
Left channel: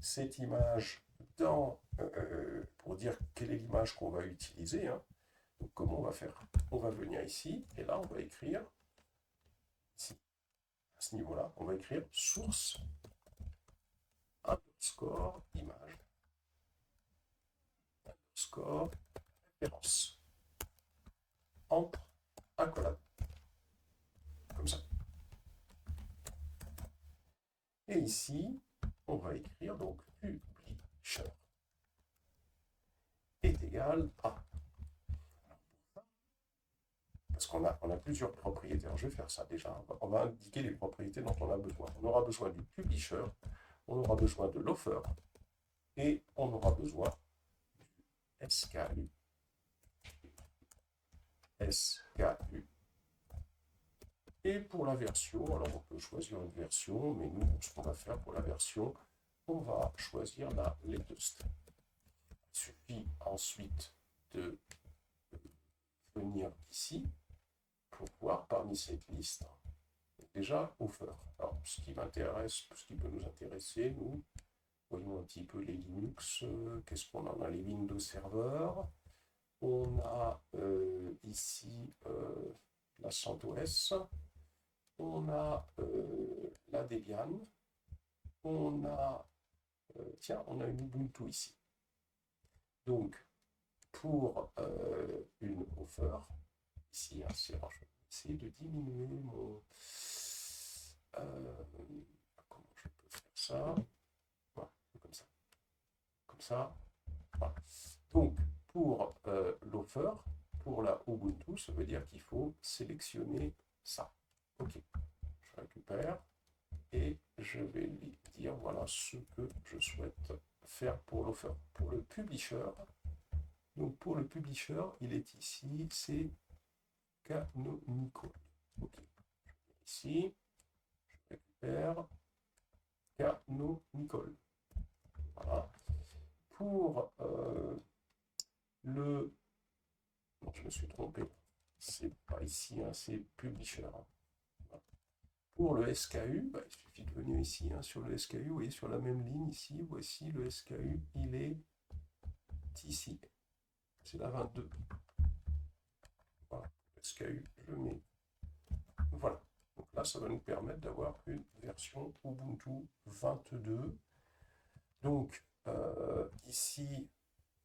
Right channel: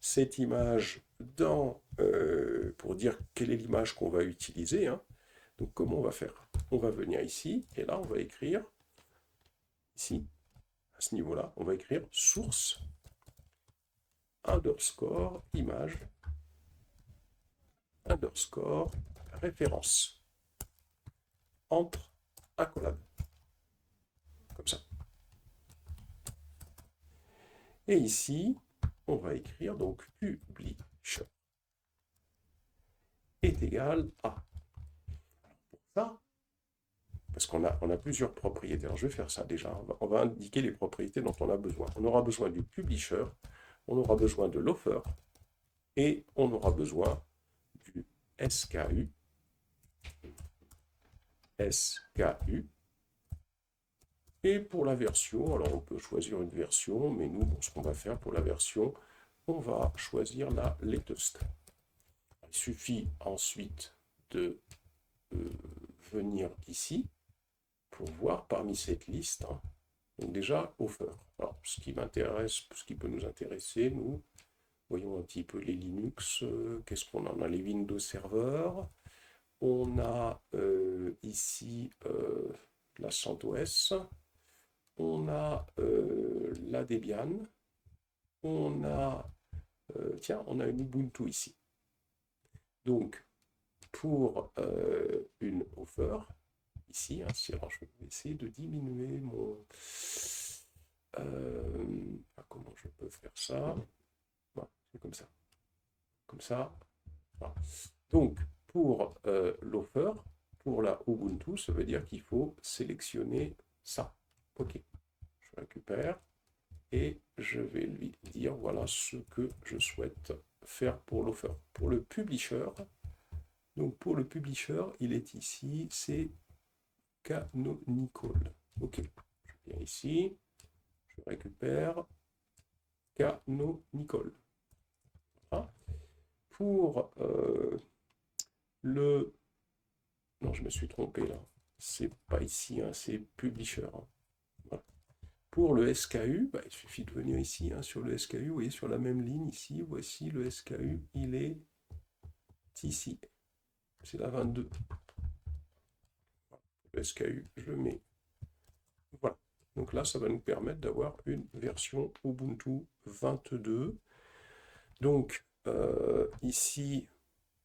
cette image pour dire quelle est l'image qu'on va utiliser, donc comment on va faire? On va venir ici, et là on va écrire, ici, à ce niveau-là, on va écrire source underscore image underscore référence entre accolades. Comme ça. Et ici, on va écrire donc publisher est égal à. Pour ça, parce qu'on a plusieurs propriétés. Alors je vais faire ça déjà. On va indiquer les propriétés dont on a besoin. On aura besoin du publisher, on aura besoin de l'offer et on aura besoin du SKU. Et pour la version, alors on peut choisir une version, mais nous, ce qu'on va faire pour la version, on va choisir la latest. Il suffit ensuite de venir ici pour voir parmi cette liste, donc déjà offer. Alors ce qui m'intéresse, ce qui peut nous intéresser, nous, Voyons un petit peu les Linux. Qu'est-ce qu'on a? On a les Windows Server. On a ici la CentOS. On a la Debian. On a, tiens, on a une Ubuntu ici. Donc, pour une offer, ici, hein, alors je vais essayer de diminuer mon... comment je peux faire ça? Voilà, c'est comme ça. Comme ça. Voilà. Donc, pour l'offer, pour la Ubuntu, ça veut dire qu'il faut sélectionner ça. Ok, je récupère et je vais lui dire voilà ce que je souhaite faire pour l'offer. Pour le publisher, donc pour le publisher, il est ici, c'est Canonical. Ok, je viens ici, je récupère Canonical. Voilà. Pour le... Non, je me suis trompé là. C'est pas ici, hein, c'est publisher. Hein. Voilà. Pour le SKU, bah, il suffit de venir ici hein, sur le SKU. Vous voyez, sur la même ligne ici, voici le SKU, il est ici. C'est la 22. Voilà. Le SKU, je le mets. Voilà. Donc là, ça va nous permettre d'avoir une version Ubuntu 22. Donc ici,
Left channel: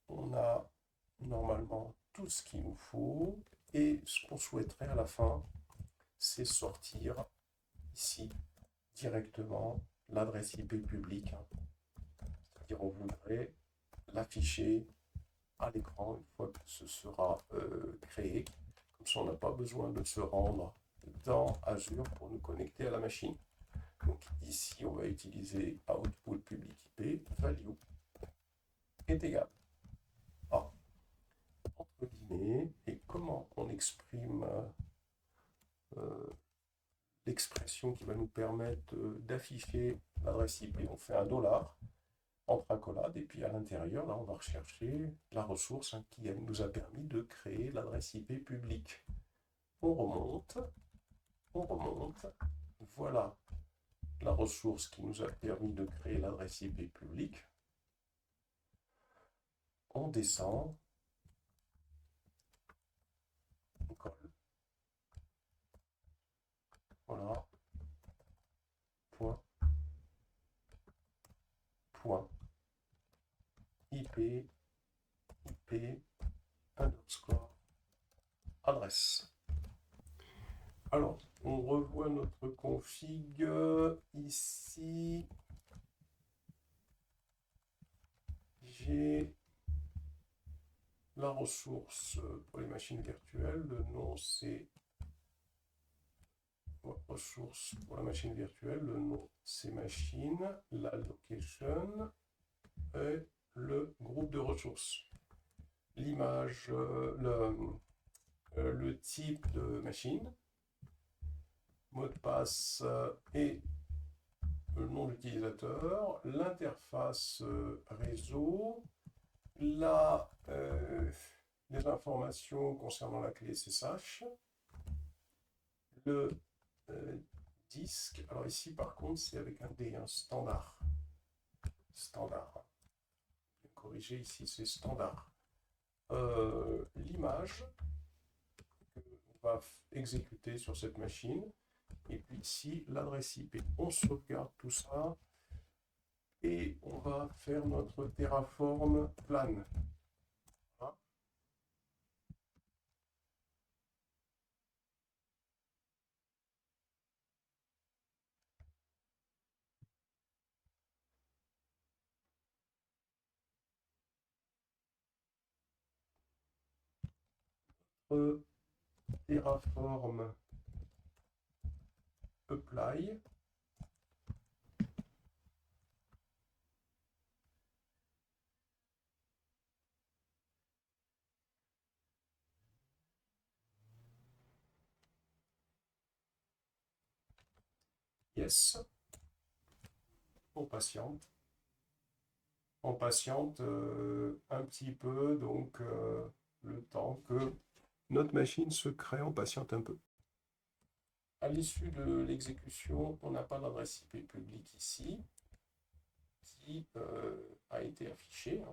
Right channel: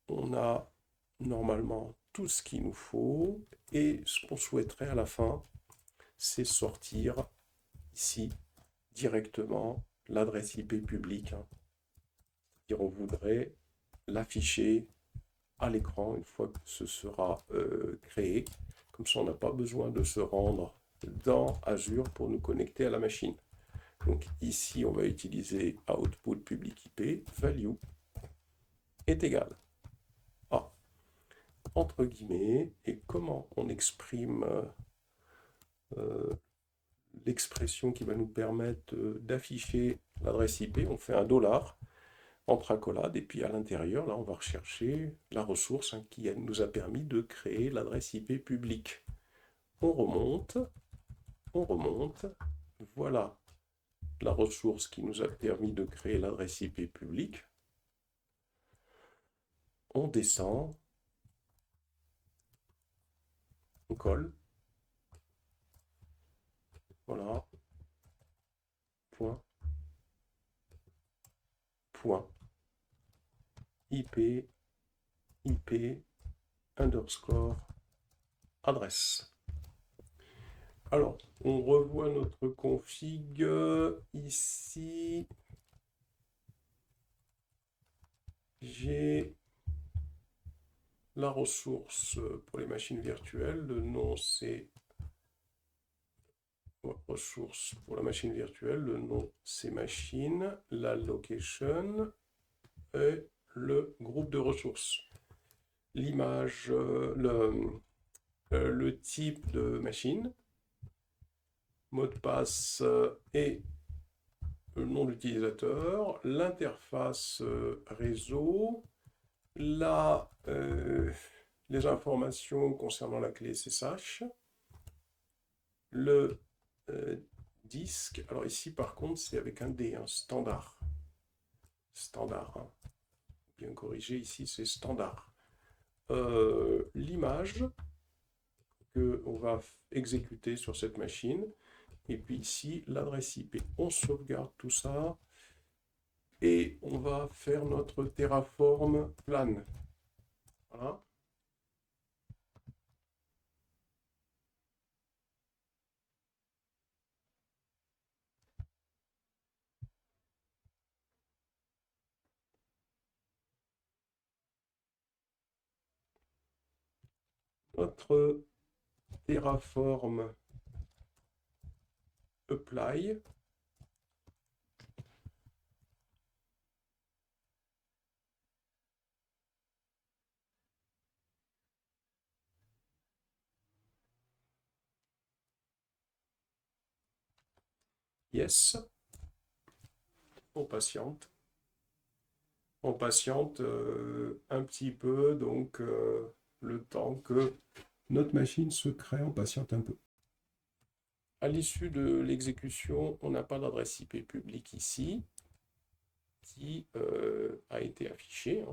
on a normalement tout ce qu'il nous faut. Et ce qu'on souhaiterait à la fin, c'est sortir ici directement l'adresse IP publique. Hein. C'est-à-dire on voudrait l'afficher à l'écran une fois que ce sera créé. Comme ça, on n'a pas besoin de se rendre dans Azure pour nous connecter à la machine. Donc ici, on va utiliser output public IP, value est égal à, entre guillemets, et comment on exprime l'expression qui va nous permettre d'afficher l'adresse IP, on fait un dollar entre accolades, et puis à l'intérieur, là, on va rechercher la ressource hein, qui nous a permis de créer l'adresse IP publique. On remonte, voilà la ressource qui nous a permis de créer l'adresse IP publique. On descend, on colle, voilà, point, point, IP, underscore, adresse. Alors, on revoit notre config ici. J'ai la ressource pour les machines virtuelles. Le nom, c'est ressource pour la machine virtuelle. Le nom, c'est machine. La location et le groupe de ressources. L'image, le type de machine, mot de passe et le nom d'utilisateur, l'interface réseau, les informations concernant la clé SSH, le disque. Alors ici par contre c'est avec un D, un standard. Standard. Hein. Bien corrigé ici c'est standard. L'image qu'on va exécuter sur cette machine. Et puis ici, l'adresse IP. On sauvegarde tout ça. Et on va faire notre Terraform plan. Voilà. Notre Terraform apply. Yes. On patiente. On patiente un petit peu, donc le temps que notre machine se crée, on patiente un peu. À l'issue de l'exécution, on n'a pas d'adresse IP publique ici. qui a été affiché.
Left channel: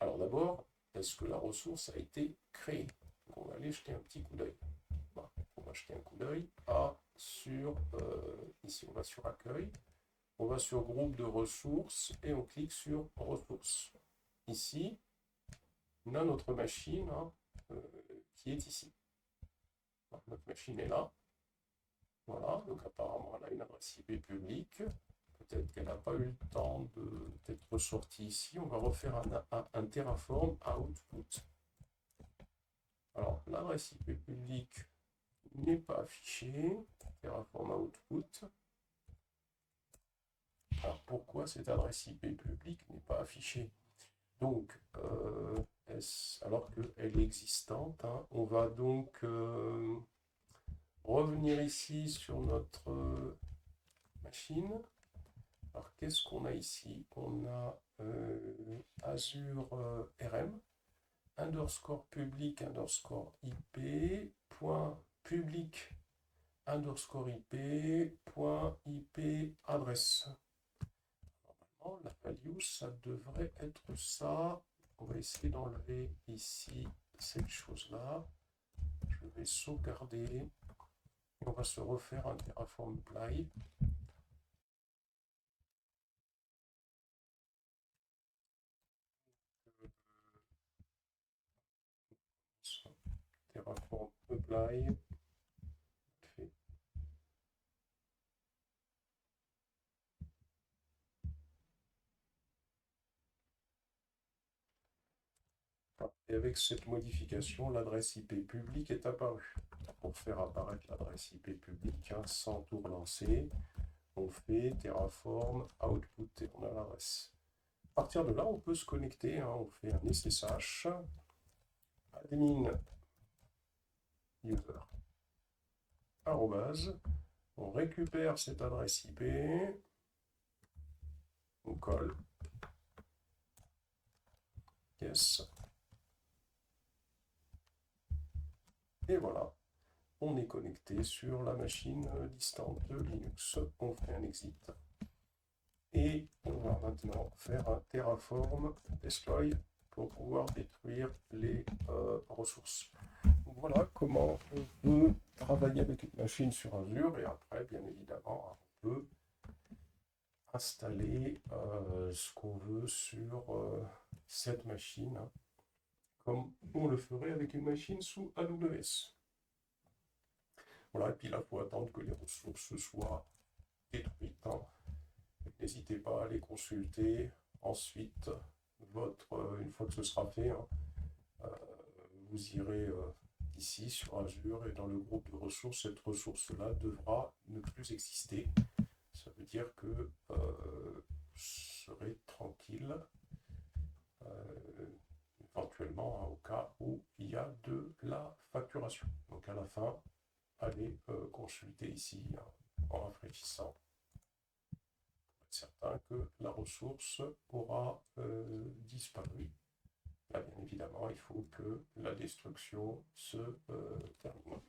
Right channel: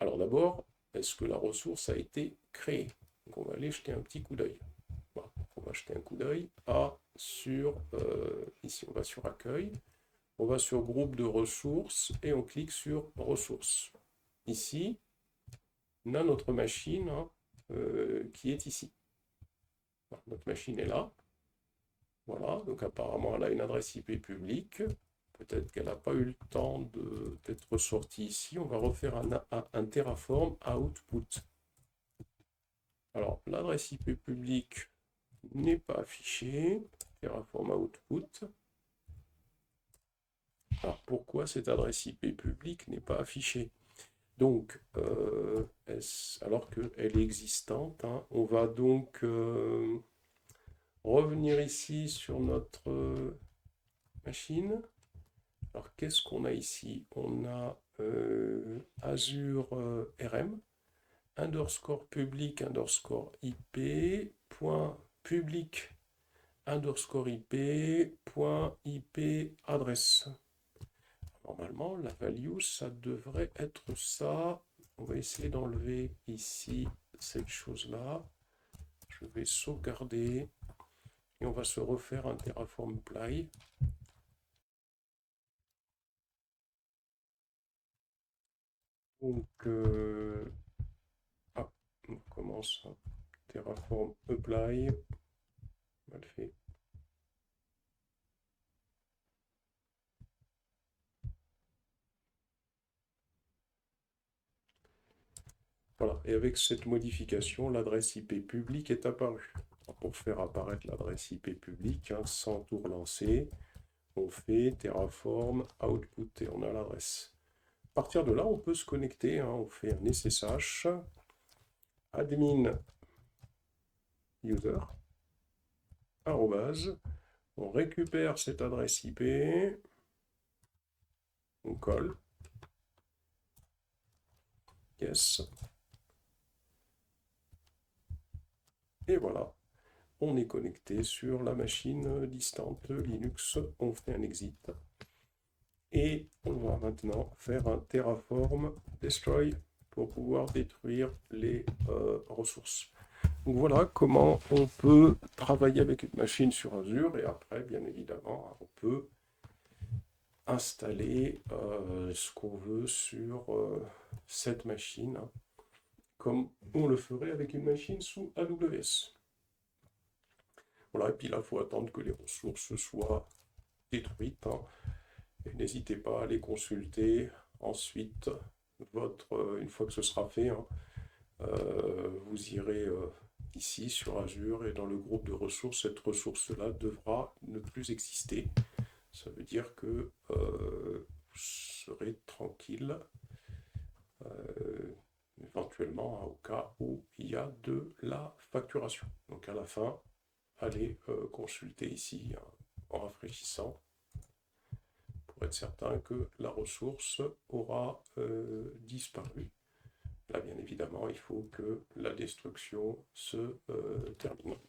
Alors d'abord, est-ce que la ressource a été créée? Donc on va aller jeter un petit coup d'œil. Voilà, on va jeter un coup d'œil ici on va sur accueil, on va sur groupe de ressources et on clique sur ressources. Ici, on a notre machine qui est ici. Voilà, notre machine est là. Voilà, donc apparemment elle a une adresse IP publique. Peut-être qu'elle n'a pas eu le temps d'être sortie ici. On va refaire un Terraform output. Alors, l'adresse IP publique n'est pas affichée. Terraform output. Alors, pourquoi cette adresse IP publique n'est pas affichée? Donc, alors qu'elle est existante, hein, on va donc revenir ici sur notre machine. Alors, qu'est-ce qu'on a ici? On a Azure RM, underscore public, underscore IP, point public, underscore IP, point IP adresse. Normalement, la value, ça devrait être ça. On va essayer d'enlever ici cette chose-là. Je vais sauvegarder et on va se refaire un Terraform apply. Donc, on commence Terraform apply. Mal fait. Voilà, et avec cette modification, l'adresse IP publique est apparue. Pour faire apparaître l'adresse IP publique, hein, sans tout relancer, on fait Terraform output et on a l'adresse. À partir de là, on peut se connecter, hein, on fait un SSH, admin user, arrobase, on récupère cette adresse IP, on colle, yes, et voilà, on est connecté sur la machine distante Linux, on fait un exit, et on va maintenant faire un Terraform destroy pour pouvoir détruire les ressources. Donc voilà comment on peut travailler avec une machine sur Azure, et après, bien évidemment, on peut installer ce qu'on veut sur cette machine, hein, comme on le ferait avec une machine sous AWS. Voilà, et puis là, il faut attendre que les ressources soient détruites, hein, et n'hésitez pas à les consulter. Ensuite, une fois que ce sera fait, hein, vous irez ici sur Azure et dans le groupe de ressources, cette ressource-là devra ne plus exister. Ça veut dire que vous serez tranquille, éventuellement, hein, au cas où il y a de la facturation. Donc à la fin, allez consulter ici, hein, en rafraîchissant pour être certain que la ressource aura disparu. Là, bien évidemment, il faut que la destruction se termine.